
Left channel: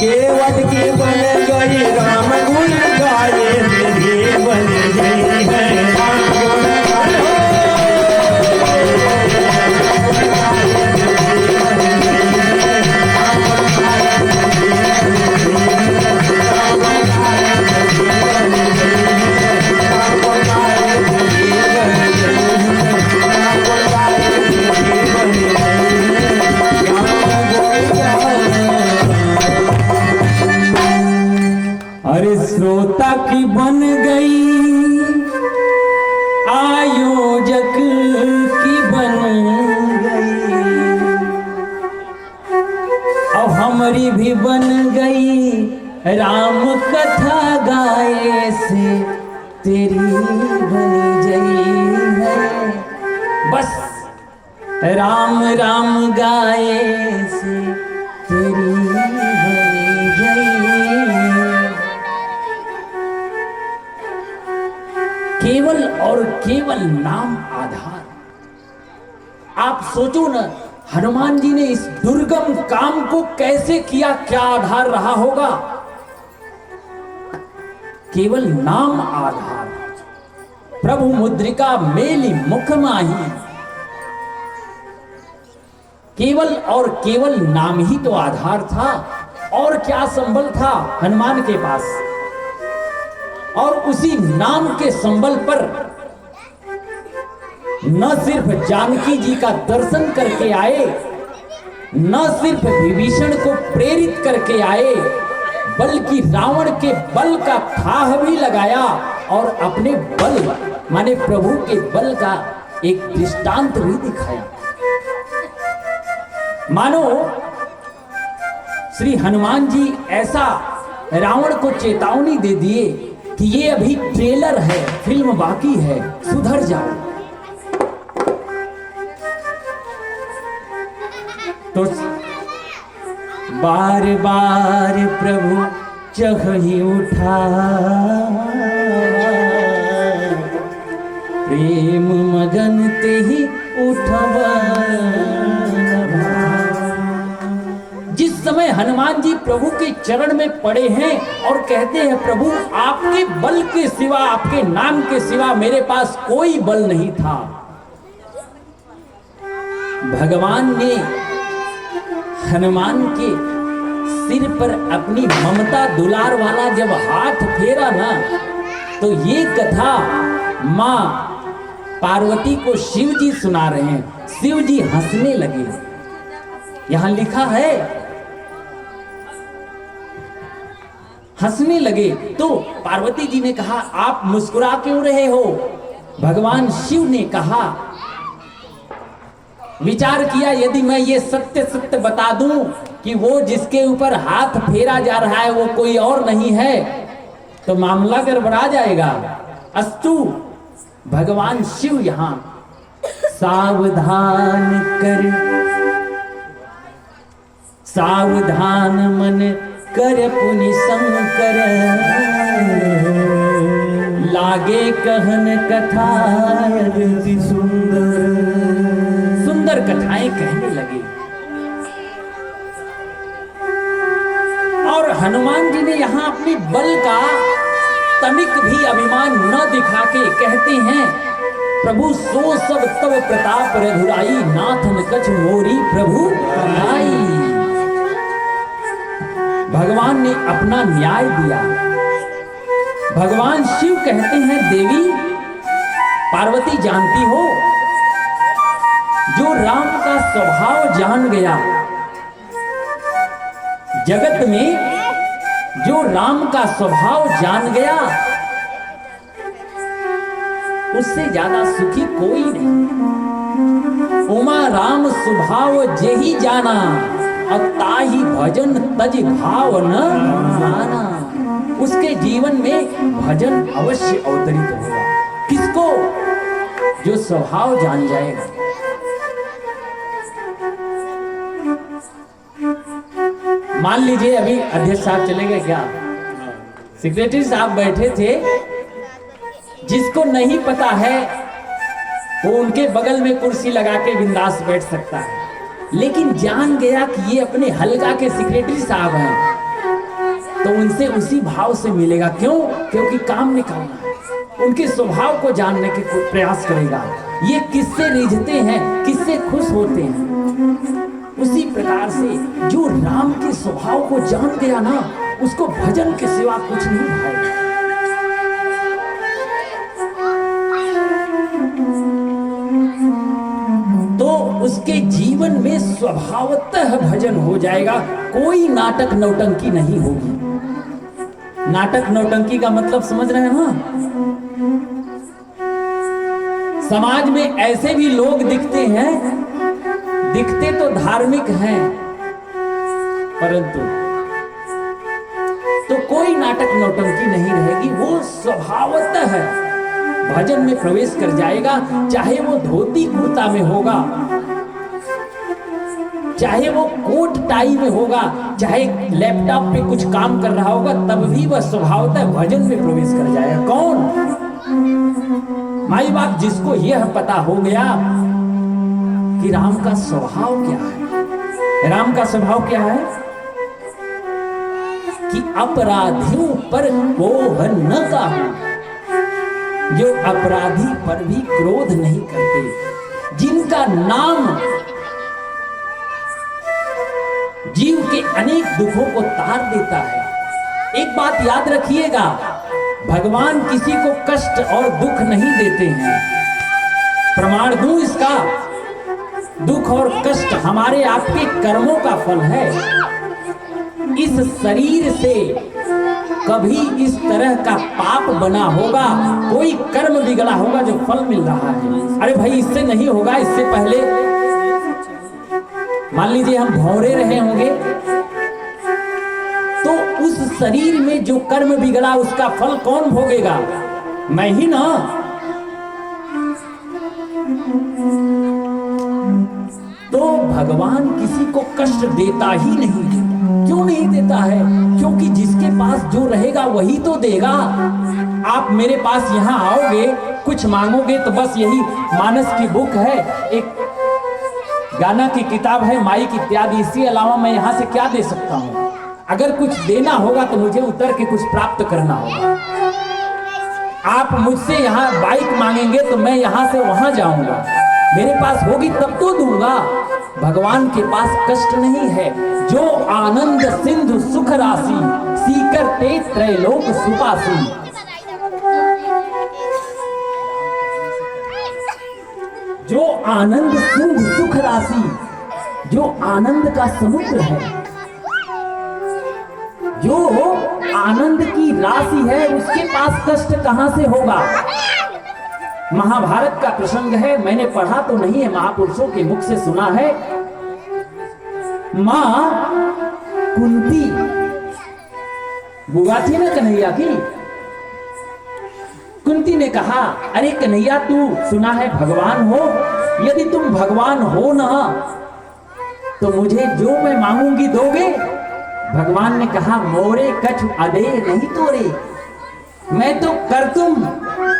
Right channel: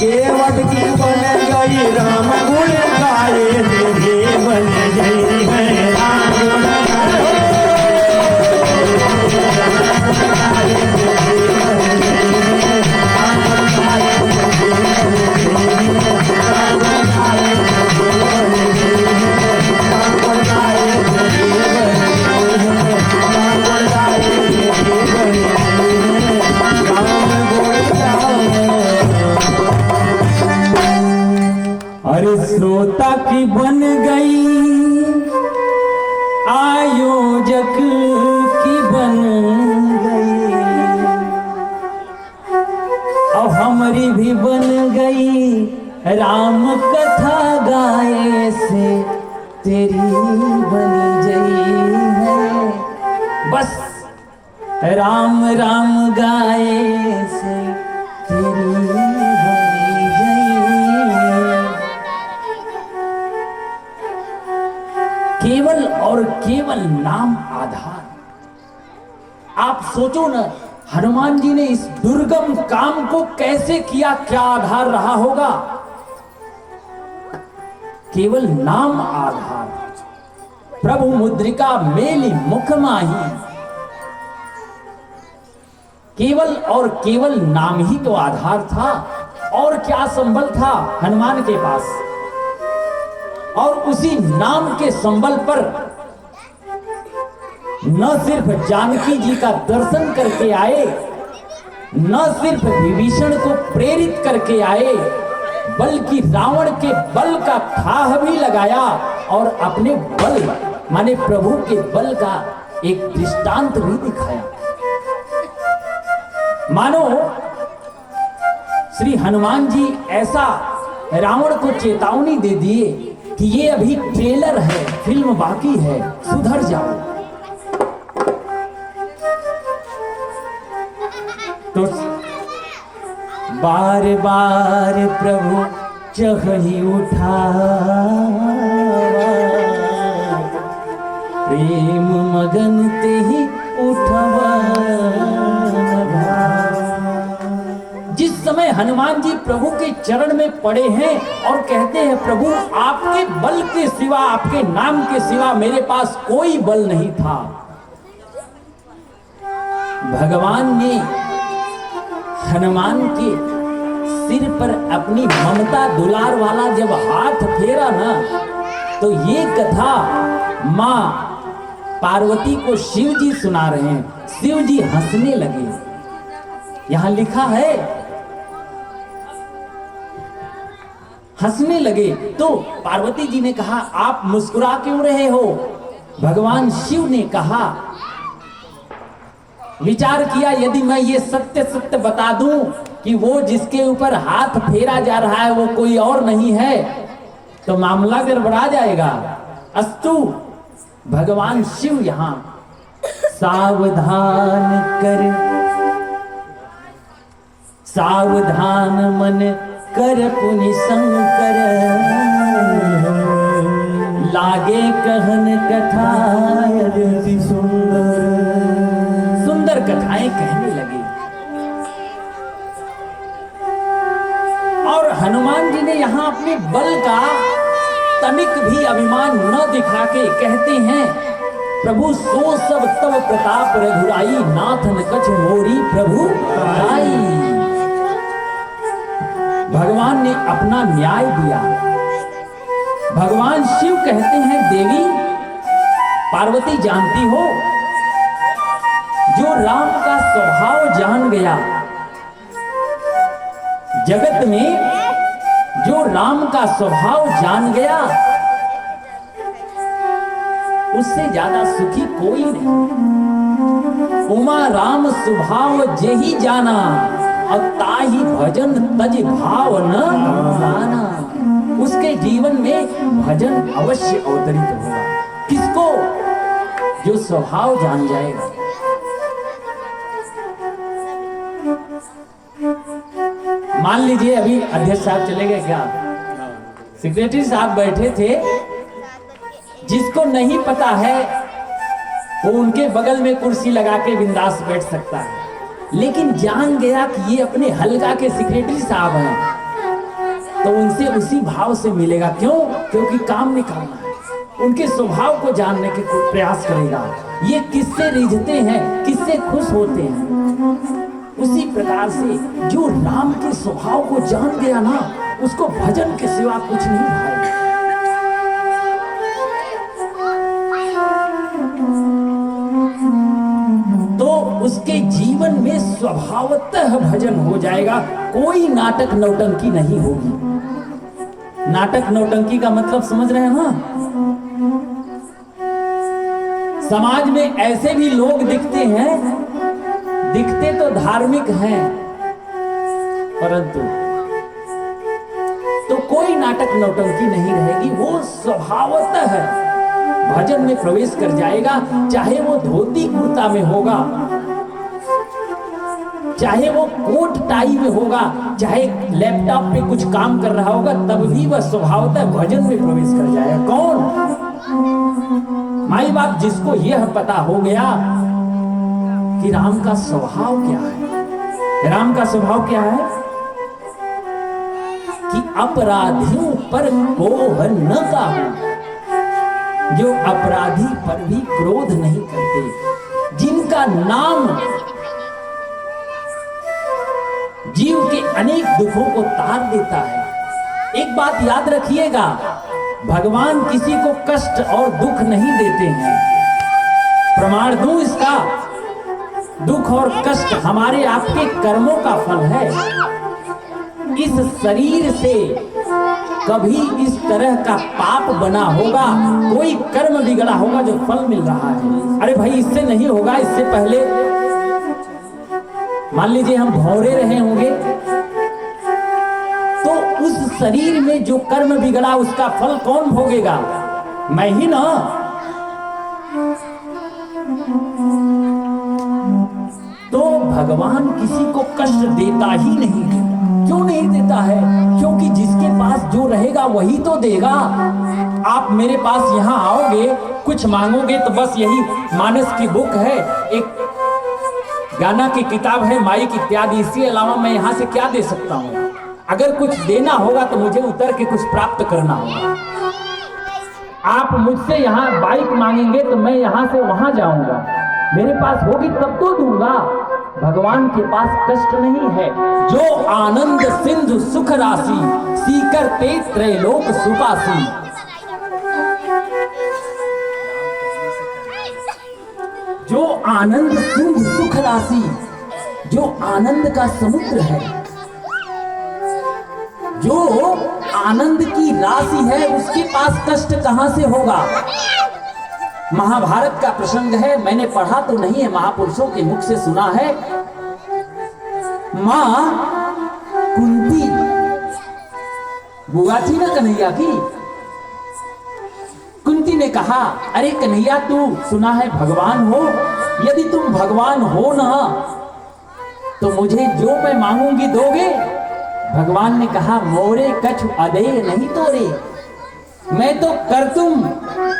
केवट की बन गई, राम गुण गाए मेरे बन गई है, राम गुण गाए। अरे श्रोता की बन गई, आयोजक की बन गई, और हमारी भी बन गई, राम कथा गाए से तेरी बन गई है। बस राम राम गाए से तेरी बन गई। केवल और केवल नाम आधार। आप सोचो न, हनुमान जी ने इस दुर्गम काम को कैसे किया, क्या आधार रहा होगा? केवल नाम आधार। प्रभु मुद्रिका मेली मुख माही, केवल और केवल नाम ही तो आधार था। और क्या संबल था हनुमान के पास? और उसी नाम के संबल पर न सिर्फ जानकी जी का दर्शन करके आए, न सिर्फ विभीषण को प्रेरित करके आए, बल्कि रावण के बल का थाह भी लगाया और अपने बल माने प्रभु के बल का एक दृष्टांत भी दिखाया। मानो श्री हनुमान जी ऐसा रावण को चेतावनी दे दिए कि ये अभी ट्रेलर है, फिल्म बाकी है, सुधर जाओ। तो बार बार प्रभु चढ़ी उठा, प्रेम मगन ते ही उठवा। जिस समय हनुमान जी प्रभु के चरण में पड़े हैं और कहते हैं प्रभु आपके बल के सिवा, आपके नाम के सिवा मेरे पास कोई बल नहीं था। भगवान ने हनुमान के सिर पर अपनी ममता दुलार वाला जब हाथ फेरा ना, तो ये कथा मां पार्वती को शिव जी सुना रहे हैं। शिव जी हंसने लगे। यहां लिखा है हंसने लगे। तो पार्वती जी ने कहा आप मुस्कुरा क्यों रहे हो? भगवान शिव ने कहा, विचार किया यदि मैं ये सत्य सत्य बता दूं कि वो जिसके ऊपर हाथ फेरा जा रहा है वो कोई और नहीं है, तो मामला गड़बड़ा जाएगा। अस्तु, भगवान शिव यहां सावधान कर, सावधान मन कर पुनि शंकर, लागे कहन कथा अति सुंदर। सुंदर कथाएं कहने लगे। और हनुमान जी ने यहां अपने बल का तनिक भी अभिमान न दिखा के कहते हैं, प्रभु सो सब तव प्रताप रघुराई, नाथन कछ मोरी प्रभु आई। भगवान ने अपना न्याय दिया। भगवान शिव कहते हैं, देवी पार्वती जानती हो, जो राम का स्वभाव जान गया, जगत में जो राम का स्वभाव जान गया, उससे ज्यादा सुखी कोई नहीं। उमा राम स्वभाव जेहि जाना, और ताहि भजन तज भाव न जाना। उसके जीवन में भजन अवश्य अवतरित होगा। किसको? जो स्वभाव जान जाएगा। मान लीजिए अभी अध्यक्ष साहब चले गए क्या, सेक्रेटरी साहब बैठे थे, जिसको नहीं पता है वो उनके बगल में कुर्सी लगा के बिंदास बैठ सकता है, लेकिन जान गया कि ये अपने हलका के सेक्रेटरी साहब हैं, तो उनसे उसी भाव से मिलेगा। क्यों? क्योंकि काम निकालना है। उनके स्वभाव को जानने के प्रयास करेगा, ये किससे रिझते हैं, किससे खुश होते हैं। उसी प्रकार से जो राम के स्वभाव को जान गया ना, उसको भजन के सिवा कुछ नहीं भाएगा। तो उसके जीवन में स्वभावतः भजन हो जाएगा। कोई नाटक नौटंकी नहीं होगी। नाटक नौटंकी का मतलब समझ रहे हैं ना? समाज में ऐसे भी लोग दिखते हैं, दिखते तो धार्मिक हैं, परंतु तो कोई नाटक नौटंकी नहीं रहेगी। वो स्वभावतः भजन में प्रवेश कर जाएगा, चाहे वो धोती कुर्ता में होगा, चाहे वो कोट टाई में होगा, चाहे लैपटॉप पे कुछ काम कर रहा होगा, तब भी वह स्वभावतः भजन में प्रवेश कर जाएगा। कौन? माई बाप जिसको यह पता हो गया कि राम का स्वभाव क्या है। राम का स्वभाव क्या है कि अपराधियों पर कोह न काहू, जो अपराधी पर भी क्रोध नहीं करते, जिनका नाम जीव के अनेक दुखों को तार देता है। एक बात याद रखिएगा, भगवान किसी को कष्ट और दुख नहीं देते हैं। प्रमाण दूं इसका, दुख और कष्ट हमारे आपके कर्मों का फल है। इस शरीर से कभी इस तरह का पाप बना होगा, कोई कर्म बिगड़ा होगा जो फल मिल रहा है। अरे भाई, इससे नहीं होगा। इससे पहले मान लीजिए हम भौरे रहे होंगे, तो उस शरीर में जो कर्म बिगड़ा उसका फल कौन भोगेगा? मैं ही ना। तो भगवान किसी को कष्ट देता ही नहीं। क्यों नहीं देता है? क्योंकि जिसके पास जो रहेगा वही तो देगा। आप मेरे पास यहाँ आओगे, कुछ मांगोगे तो बस यही मानस की बुक है, एक गाना की किताब है, माइक इत्यादि, इसके अलावा मैं यहाँ से क्या दे सकता हूँ? अगर कुछ देना होगा तो मुझे उतर के कुछ प्राप्त करना होगा। आप मुझसे यहाँ बाइक मांगेंगे तो मैं यहाँ से वहां जाऊंगा, मेरे पास होगी तब तो दूंगा। भगवान के पास कष्ट नहीं है। जो आनंद सिंधु सुख राशि, सीकर ते त्रैलोक सुपासी। जो आनंद सिंधु सुख राशि, जो आनंद का समुद्र है, जो आनंद की राशि है, उसके पास कष्ट कहां से होगा? महाभारत का प्रसंग है, मैंने पढ़ा तो नहीं है, महापुरुषों के मुख से सुना है। मां कुंती बुआ थी ना कन्हैया की, ने कहा, अरे कन्हैया तू सुना है भगवान हो, यदि तुम भगवान हो ना तो मुझे जो मैं मांगूंगी दोगे? भगवान ने कहा, मोरे कछु अदे नहीं तोरे, मैं तो कर तुम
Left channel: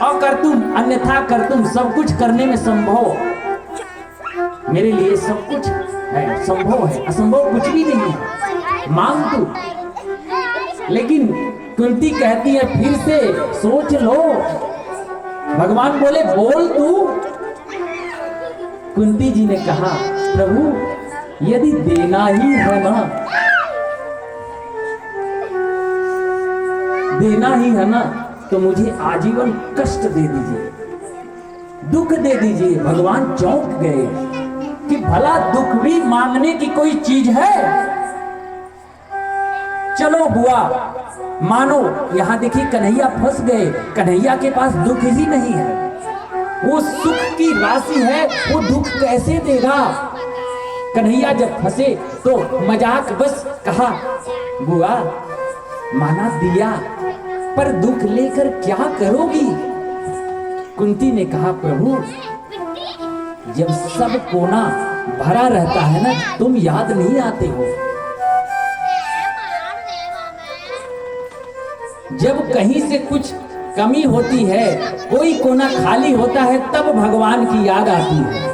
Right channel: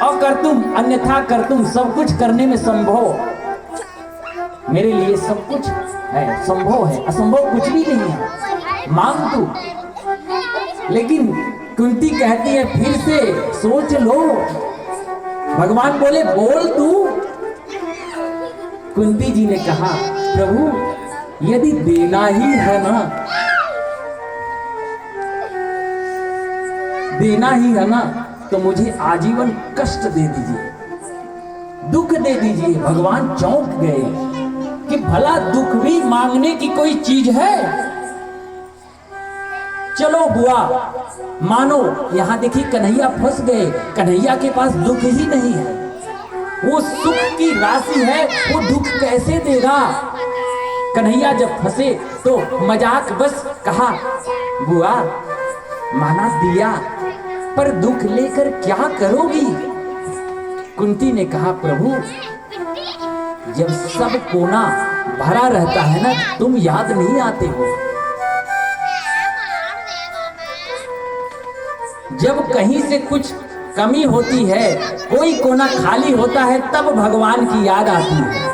और कर तुम अन्यथा कर तुम सब कुछ करने में संभव, मेरे लिए सब कुछ है, संभव है, असंभव कुछ भी नहीं है, मांग तू। लेकिन कुंती कहती है फिर से सोच लो। भगवान बोले बोल तू। कुंती जी ने कहा, प्रभु यदि देना ही है ना, देना ही है ना तो मुझे आजीवन कष्ट दे दीजिए, दुख दे दीजिए। भगवान चौंक गए कि भला दुख भी मांगने की कोई चीज है? चलो बुआ मानो, यहां देखिए कन्हैया फंस गए, कन्हैया के पास दुख ही नहीं है, वो सुख की राशि है, वो दुख कैसे देगा? कन्हैया जब फंसे तो मजाक बस कहा, बुआ माना दिया पर दुख लेकर क्या करोगी? कुंती ने कहा, प्रभु जब सब कोना भरा रहता है ना, तुम याद नहीं आते हो, जब कहीं से कुछ कमी होती है, कोई कोना खाली होता है, तब भगवान की याद आती है।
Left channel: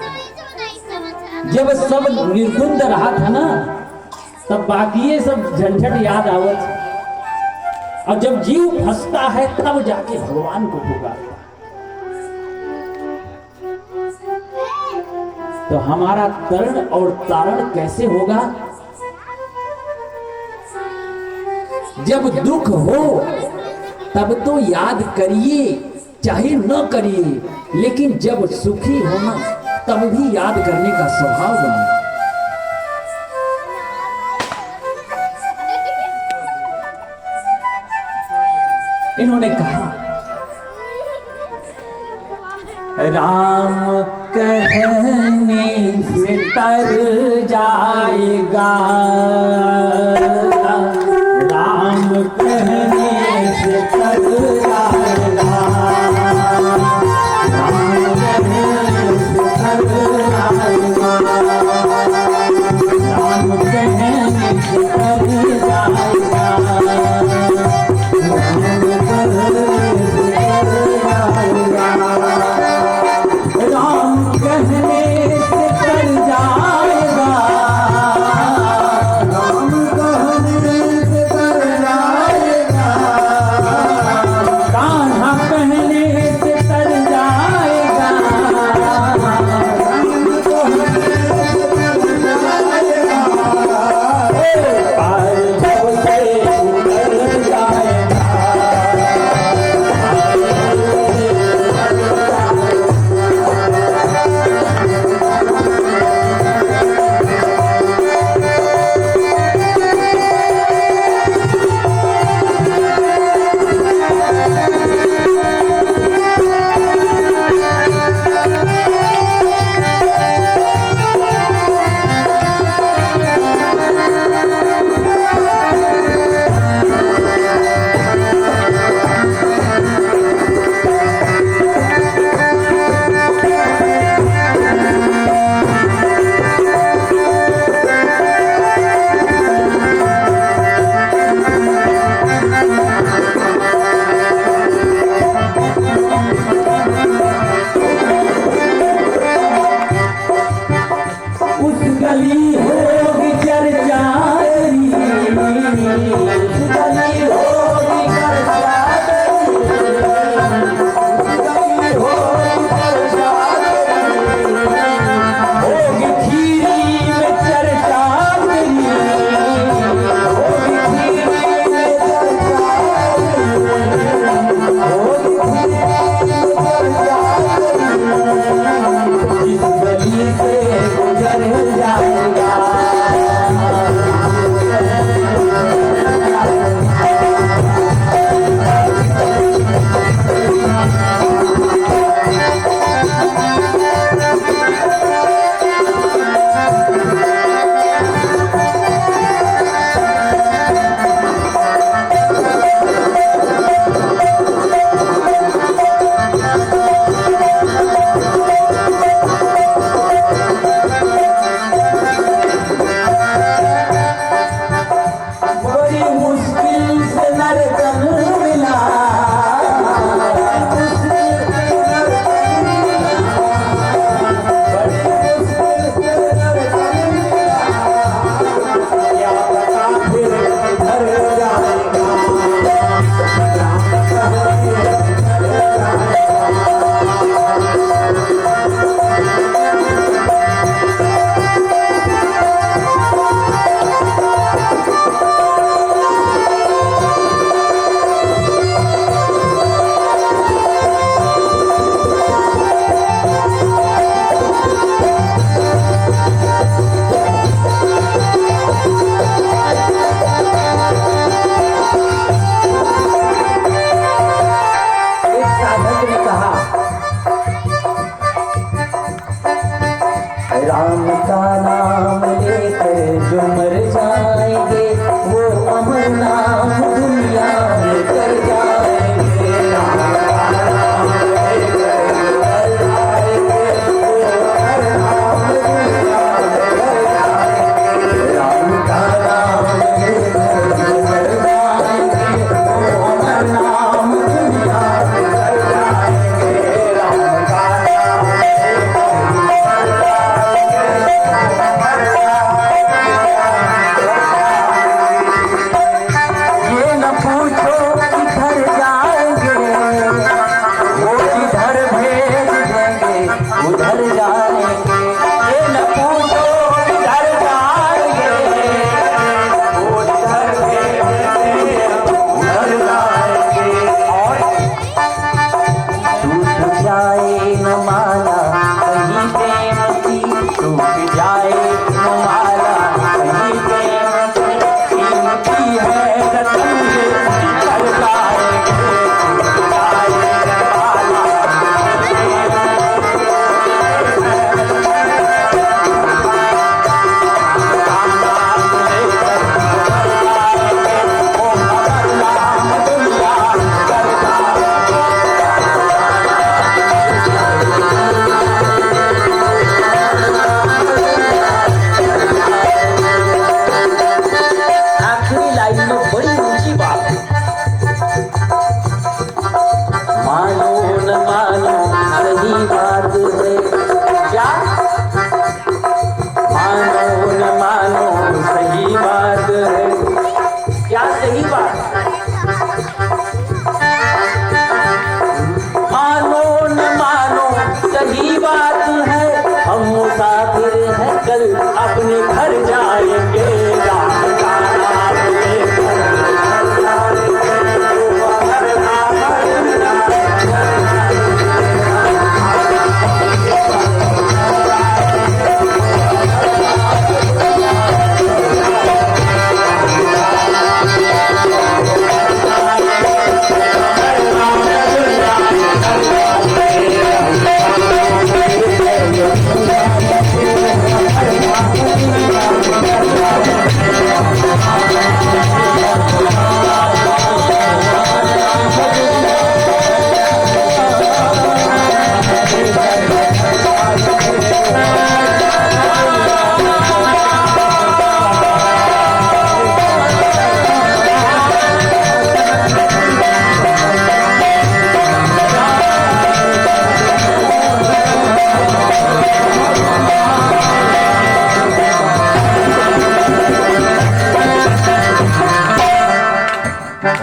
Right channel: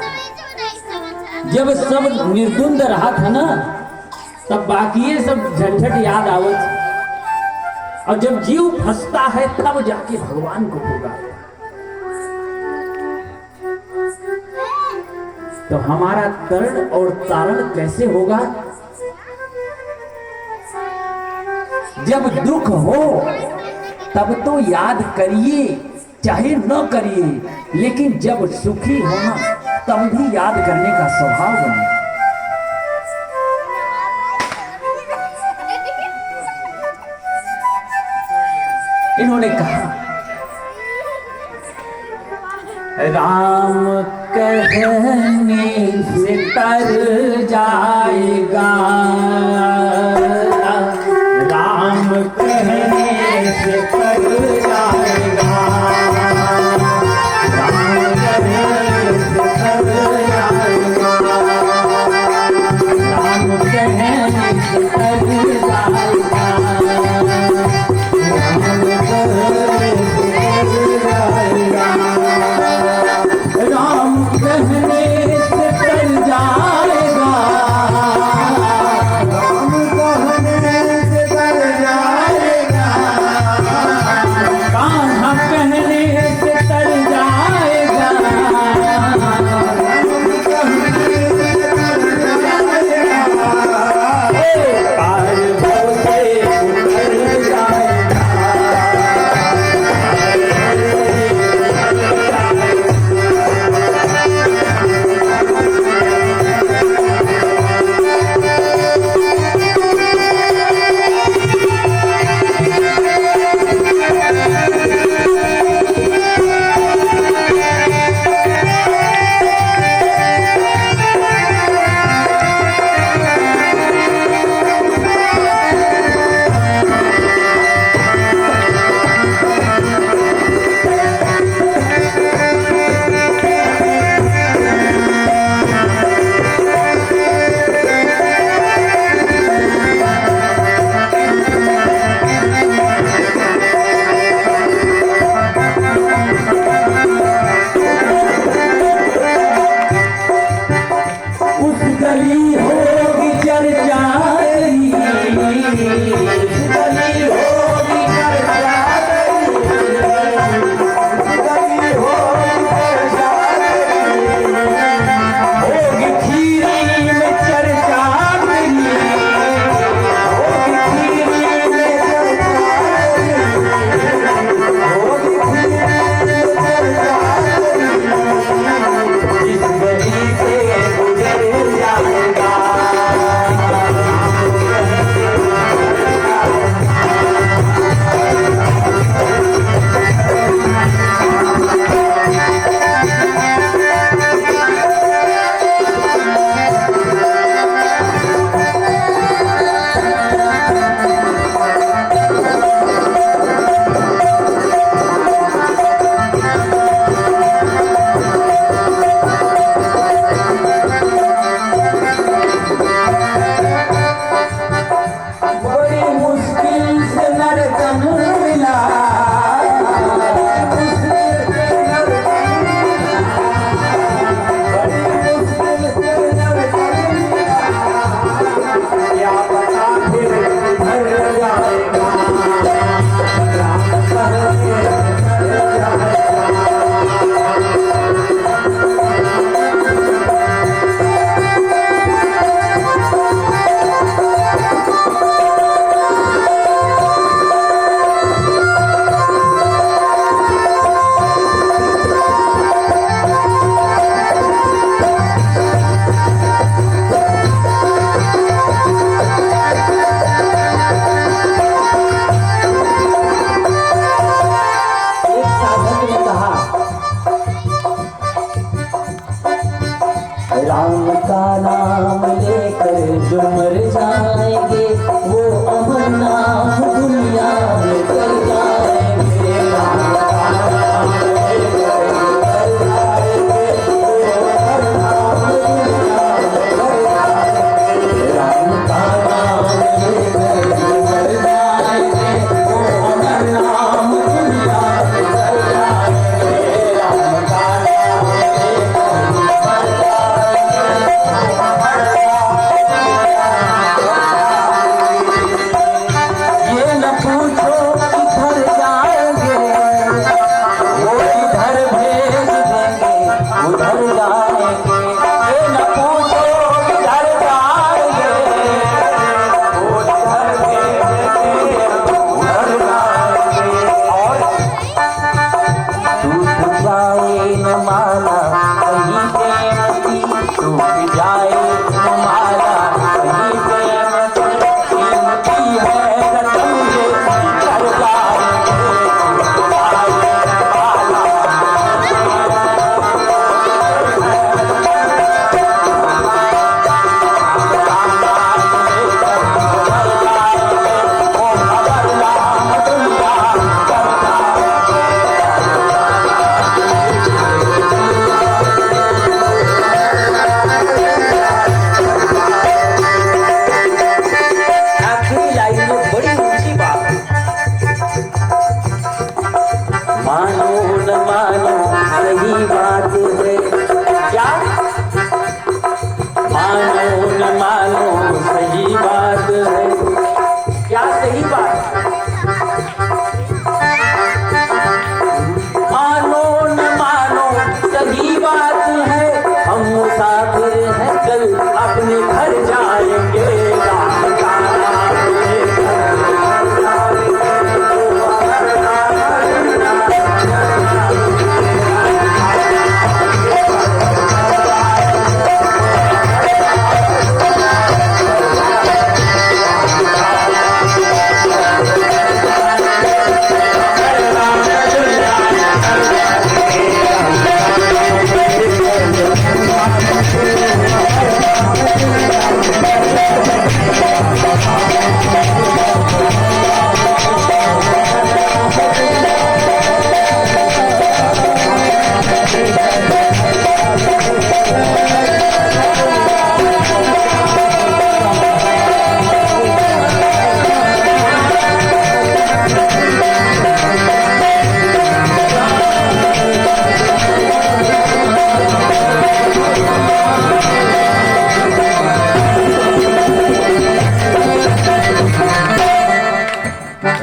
जब सब निर्द्वंद रहा था ना, तब बाकी सब झंझट याद आवत, और जब जीव फंसता है तब जाके भगवान को पुकारता। तो हमारा तरण और तारण कैसे होगा? जब दुख हो तब तो याद करिए, चाहे न करिए, लेकिन जब सुखी होना तब भी याद करने का स्वभाव बने। इन्होंने कहा, राम कहने से तर जाएगा, राम कहने से तर जाएगा, राम कहने से तर जाएगा, राम कहने से तर जाएगा, राम कहने से तर जाएगा, राम कहने से तर जाएगा, राम का नाम लेकर जो मर जाएंगे वो अमर नाम दुनिया में कर जाएंगे। राम का नाम लेकर जो मर जाएंगे वो अमर नाम दुनिया में कर जाएंगे। राम का नाम लेकर जो मर जाएंगे वो अमर नाम दुनिया में कर जाएंगे। राम का नाम ये न पूछो किधर जाएंगे, वो किधर भेज देंगे उधर जाएंगे। ये न पूछो किधर जाएंगे, वो किधर भेज देंगे उधर जाएंगे। और टूट जाए न माला कहीं प्रेम की, टूट जाए न माला कहीं प्रेम की, कीमती है रतन ये कर जाएंगे। टूट जाए न माला वो खबर नाम दुनिया कर जाएंगे। आखिरी लाइन में बड़ी ऊंची बात है। मानो न मानो सही बात है, क्या मानो न मानो सही बात है। क्या सही बात है? मानो न मानो सही बात है, हम मुसाफिर हैं कल अपने घर जाएंगे। राम का नाम लेकर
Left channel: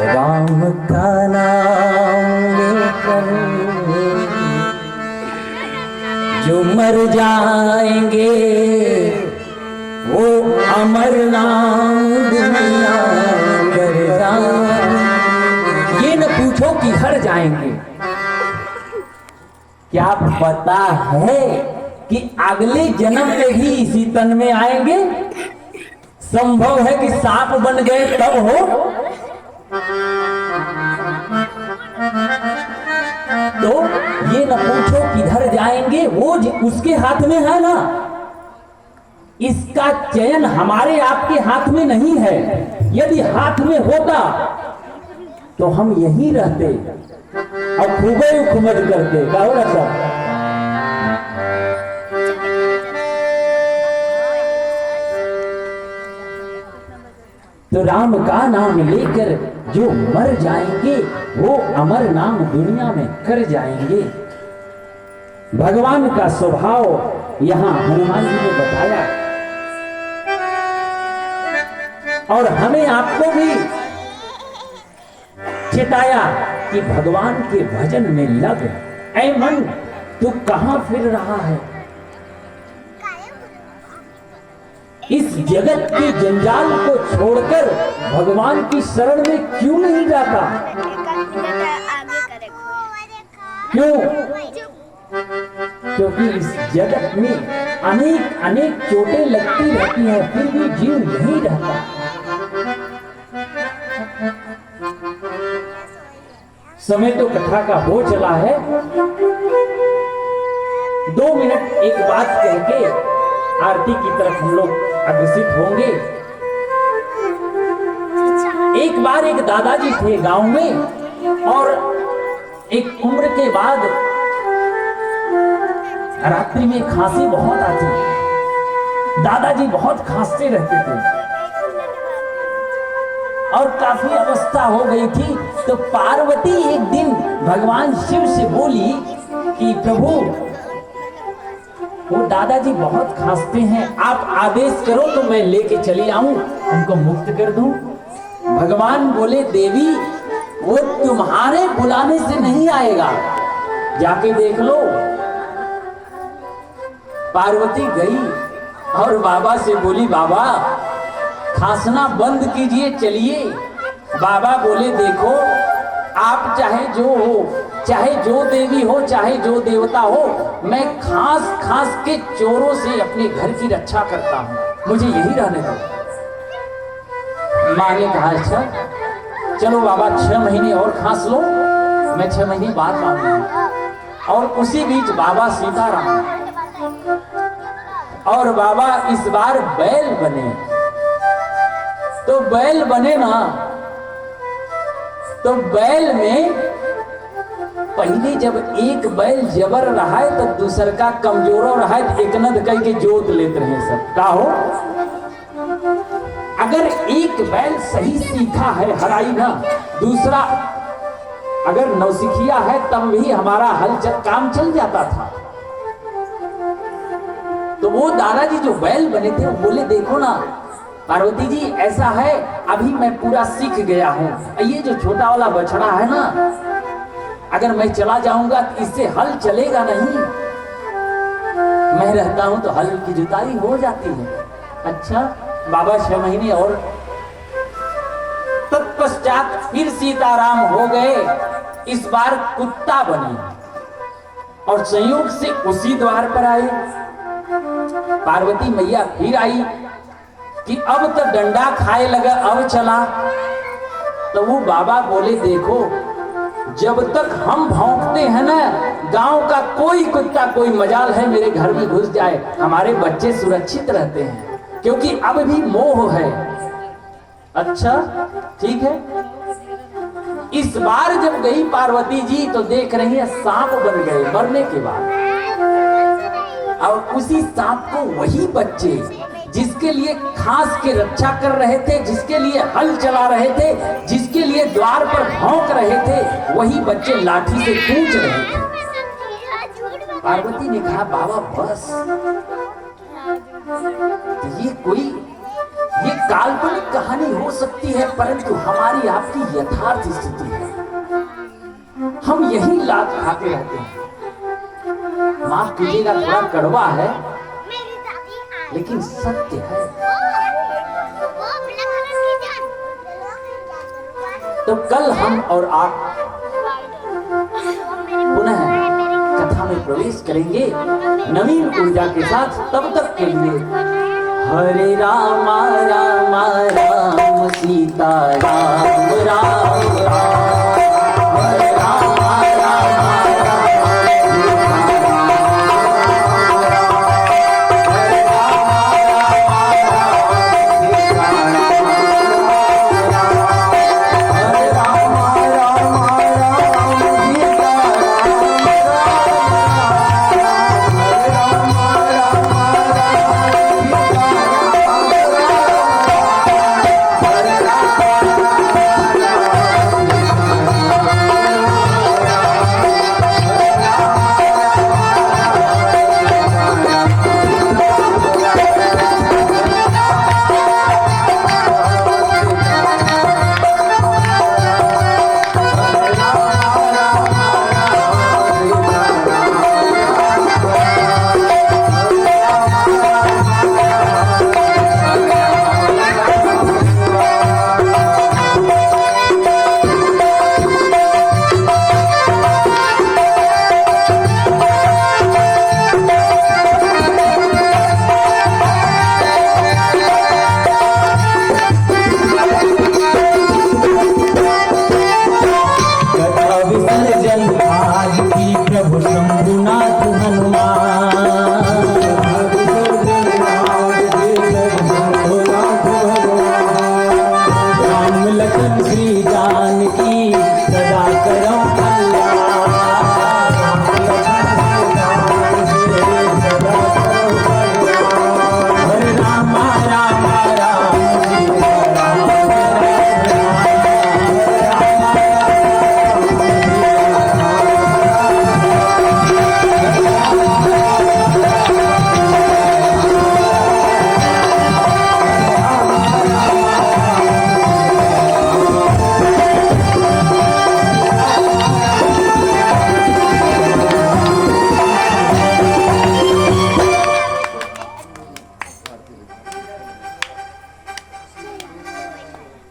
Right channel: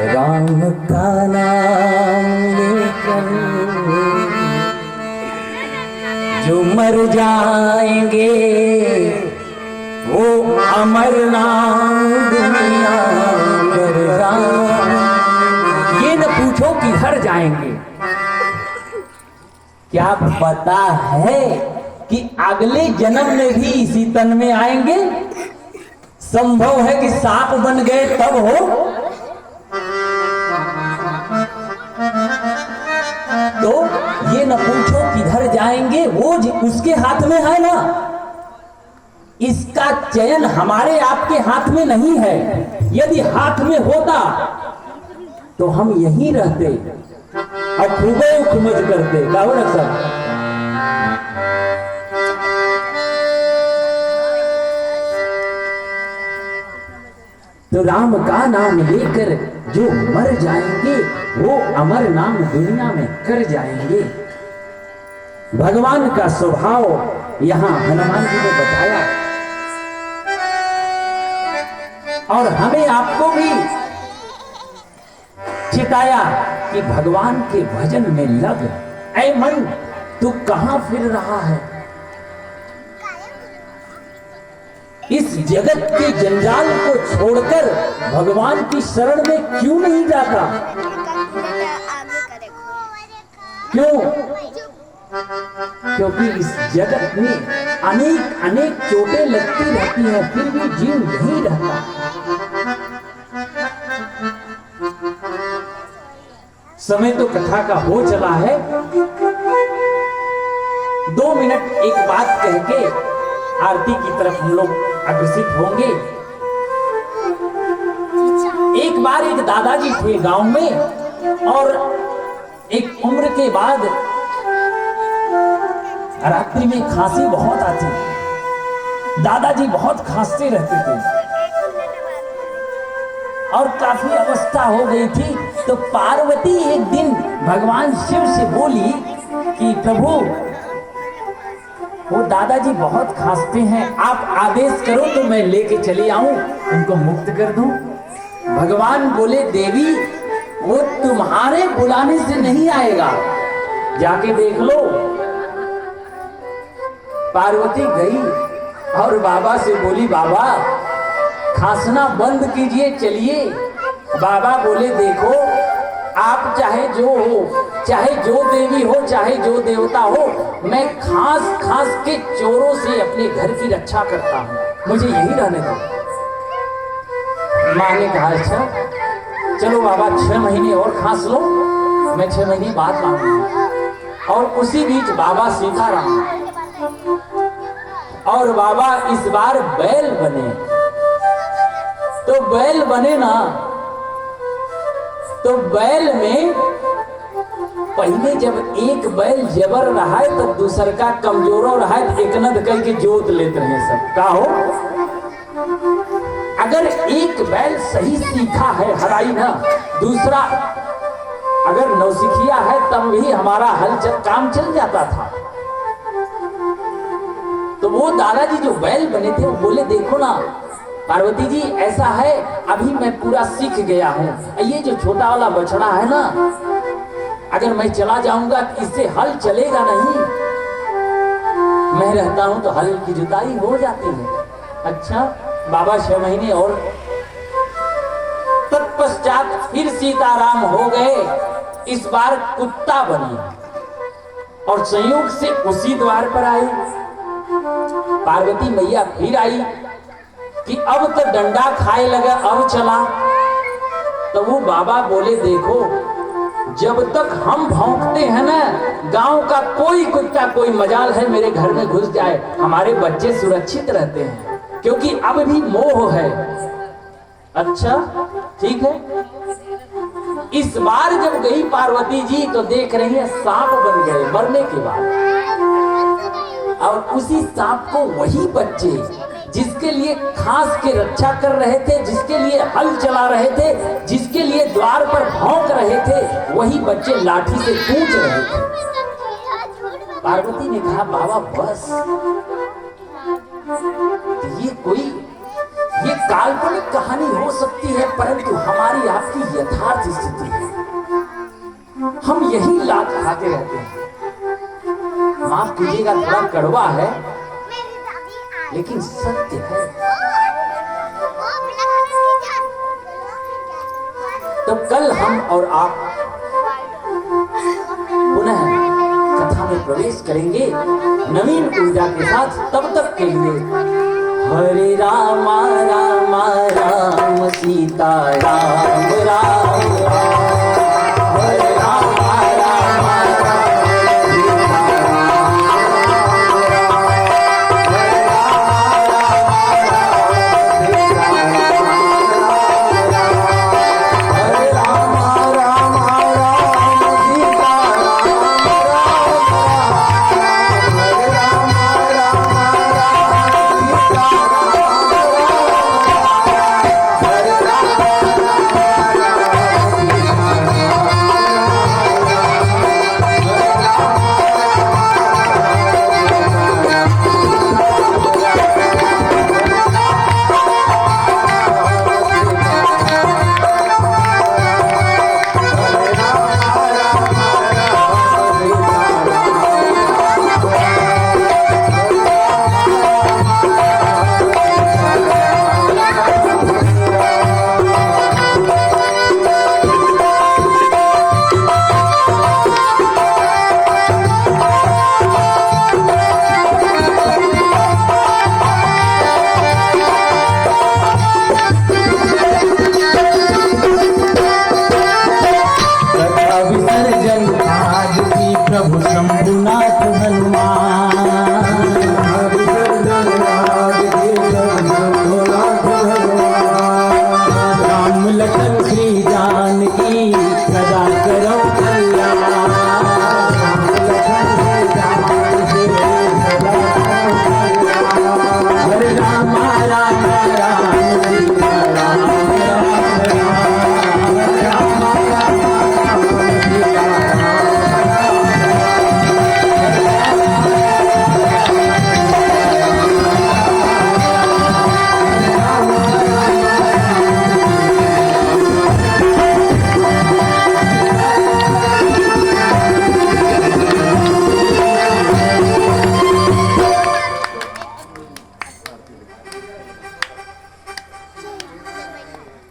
राम का नाम लेकर जो मर जाएंगे वो अमर नाम दुनिया कर जाएंगे। ये न पूछो कि हर जाएंगे। क्या पता है कि अगले जन्म में भी इसी तन में आएंगे? संभव है कि सांप बन गए तब हो। तो ये न पूछो किधर जाएंगे, वो उसके हाथ में है ना। इसका चयन हमारे आपके हाथ में नहीं है। यदि हाथ में होता तो हम यहीं रहते और खूबे उखमज करते। कहो ना सब। तो राम का नाम लेकर जो मर जाएंगे वो अमर नाम दुनिया में कर जाएंगे। भगवान का स्वभाव यहां हनुमान जी ने बताया और हमें आपको भी चिताया कि भगवान के भजन में लग। ऐ मन, तू कहां फिर रहा है? इस जगत के जंजाल को छोड़कर भगवान की शरण में क्यों नहीं जाता? क्यों? क्योंकि इस जगत में अनेक अनेक चोटें लगती रहती हैं, फिर भी जीव यही रहता। समय तो कथा का हो चला है। 2 मिनट एक बात कह के आरती की तरफ हम लोग अग्रसित होंगे। एक बार एक दादाजी थे गांव में, और एक उम्र के बाद रात्रि में खांसी बहुत आती। दादाजी बहुत खांसते रहते थे और काफी अवस्था हो गई थी। तो पार्वती एक दिन भगवान शिव से बोली कि प्रभु, वो दादाजी बहुत खांसते हैं, आप आदेश करो तो मैं लेके चली आऊं, उनको मुक्त कर दूं। भगवान बोले, देवी वो तुम्हारे बुलाने से नहीं आएगा, जाके देख लो। पार्वती गई और बाबा से बोली, बाबा खांसना बंद कीजिए, चलिए। बाबा बोले, देखो आप चाहे जो हो, चाहे जो देवी हो, चाहे जो देवता हो, मैं खांस खांस के चोरों से अपने घर की रक्षा करता हूं, मुझे यही रहने दो। माँ ने कहा, अच्छा चलो बाबा 6 महीने और खांस लो, मैं 6 महीने बाद आऊंगा। और उसी बीच बाबा सीताराम और बाबा इस बार बैल बने। तो बैल बने ना, तो बैल में पहले जब एक बैल जबर रहा है तो दूसर का कमजोर रहा है, एक नद करके जोत लेते हैं सब का हो। अगर एक बैल सही सीखा है हराई ना, दूसरा अगर नौसिखिया है तब भी हमारा काम चल जाता था। तो वो दादाजी जो बैल बने थे वो बोले, देखो ना पार्वती जी, ऐसा है अभी मैं पूरा सीख गया हूं, ये जो छोटा वाला बछड़ा है ना, अगर मैं चला जाऊंगा तो इससे हल चलेगा नहीं, मैं रहता हूं तो हल की जुताई हो जाती है। अच्छा बाबा 6 महीने और तत्पश्चात फिर सीताराम हो गए। इस बार कुत्ता बने और संयोग से उसी द्वार पर आए। पार्वती मैया फिर आई कि अब तो डंडा खाए लगा, अब चला। तो वो बाबा बोले, देखो जब तक हम भौंकते हैं ना, गांव का कोई कुत्ता कोई मजाल है मेरे घर में घुस जाए, हमारे बच्चे सुरक्षित रहते हैं, क्योंकि अब भी मोह है। अच्छा ठीक है। इस बार जब गई पार्वती जी तो देख रही है सांप बन गए मरने के बाद, और उसी सांप को वही बच्चे जिसके लिए खास के रक्षा कर रहे थे, जिसके लिए हल चला रहे थे, जिसके लिए द्वार पर भौंक रहे थे, वही बच्चे लाठी से कूच रहे थे। पार्वती ने कहा, बाबा बस, ये काल्पनिक कहानी हो सकती है, परंतु हमारी आपकी यथार्थ स्थिति है। हम यही लात खाते रहते हैं। माफ कीजिएगा, थोड़ा कड़वा है लेकिन सत्य है। तो कल हम और आप पुनः कथा में प्रवेश करेंगे नवीन ऊर्जा के साथ। तब तक के लिए हरे राम राम राम सीता राम राम राम।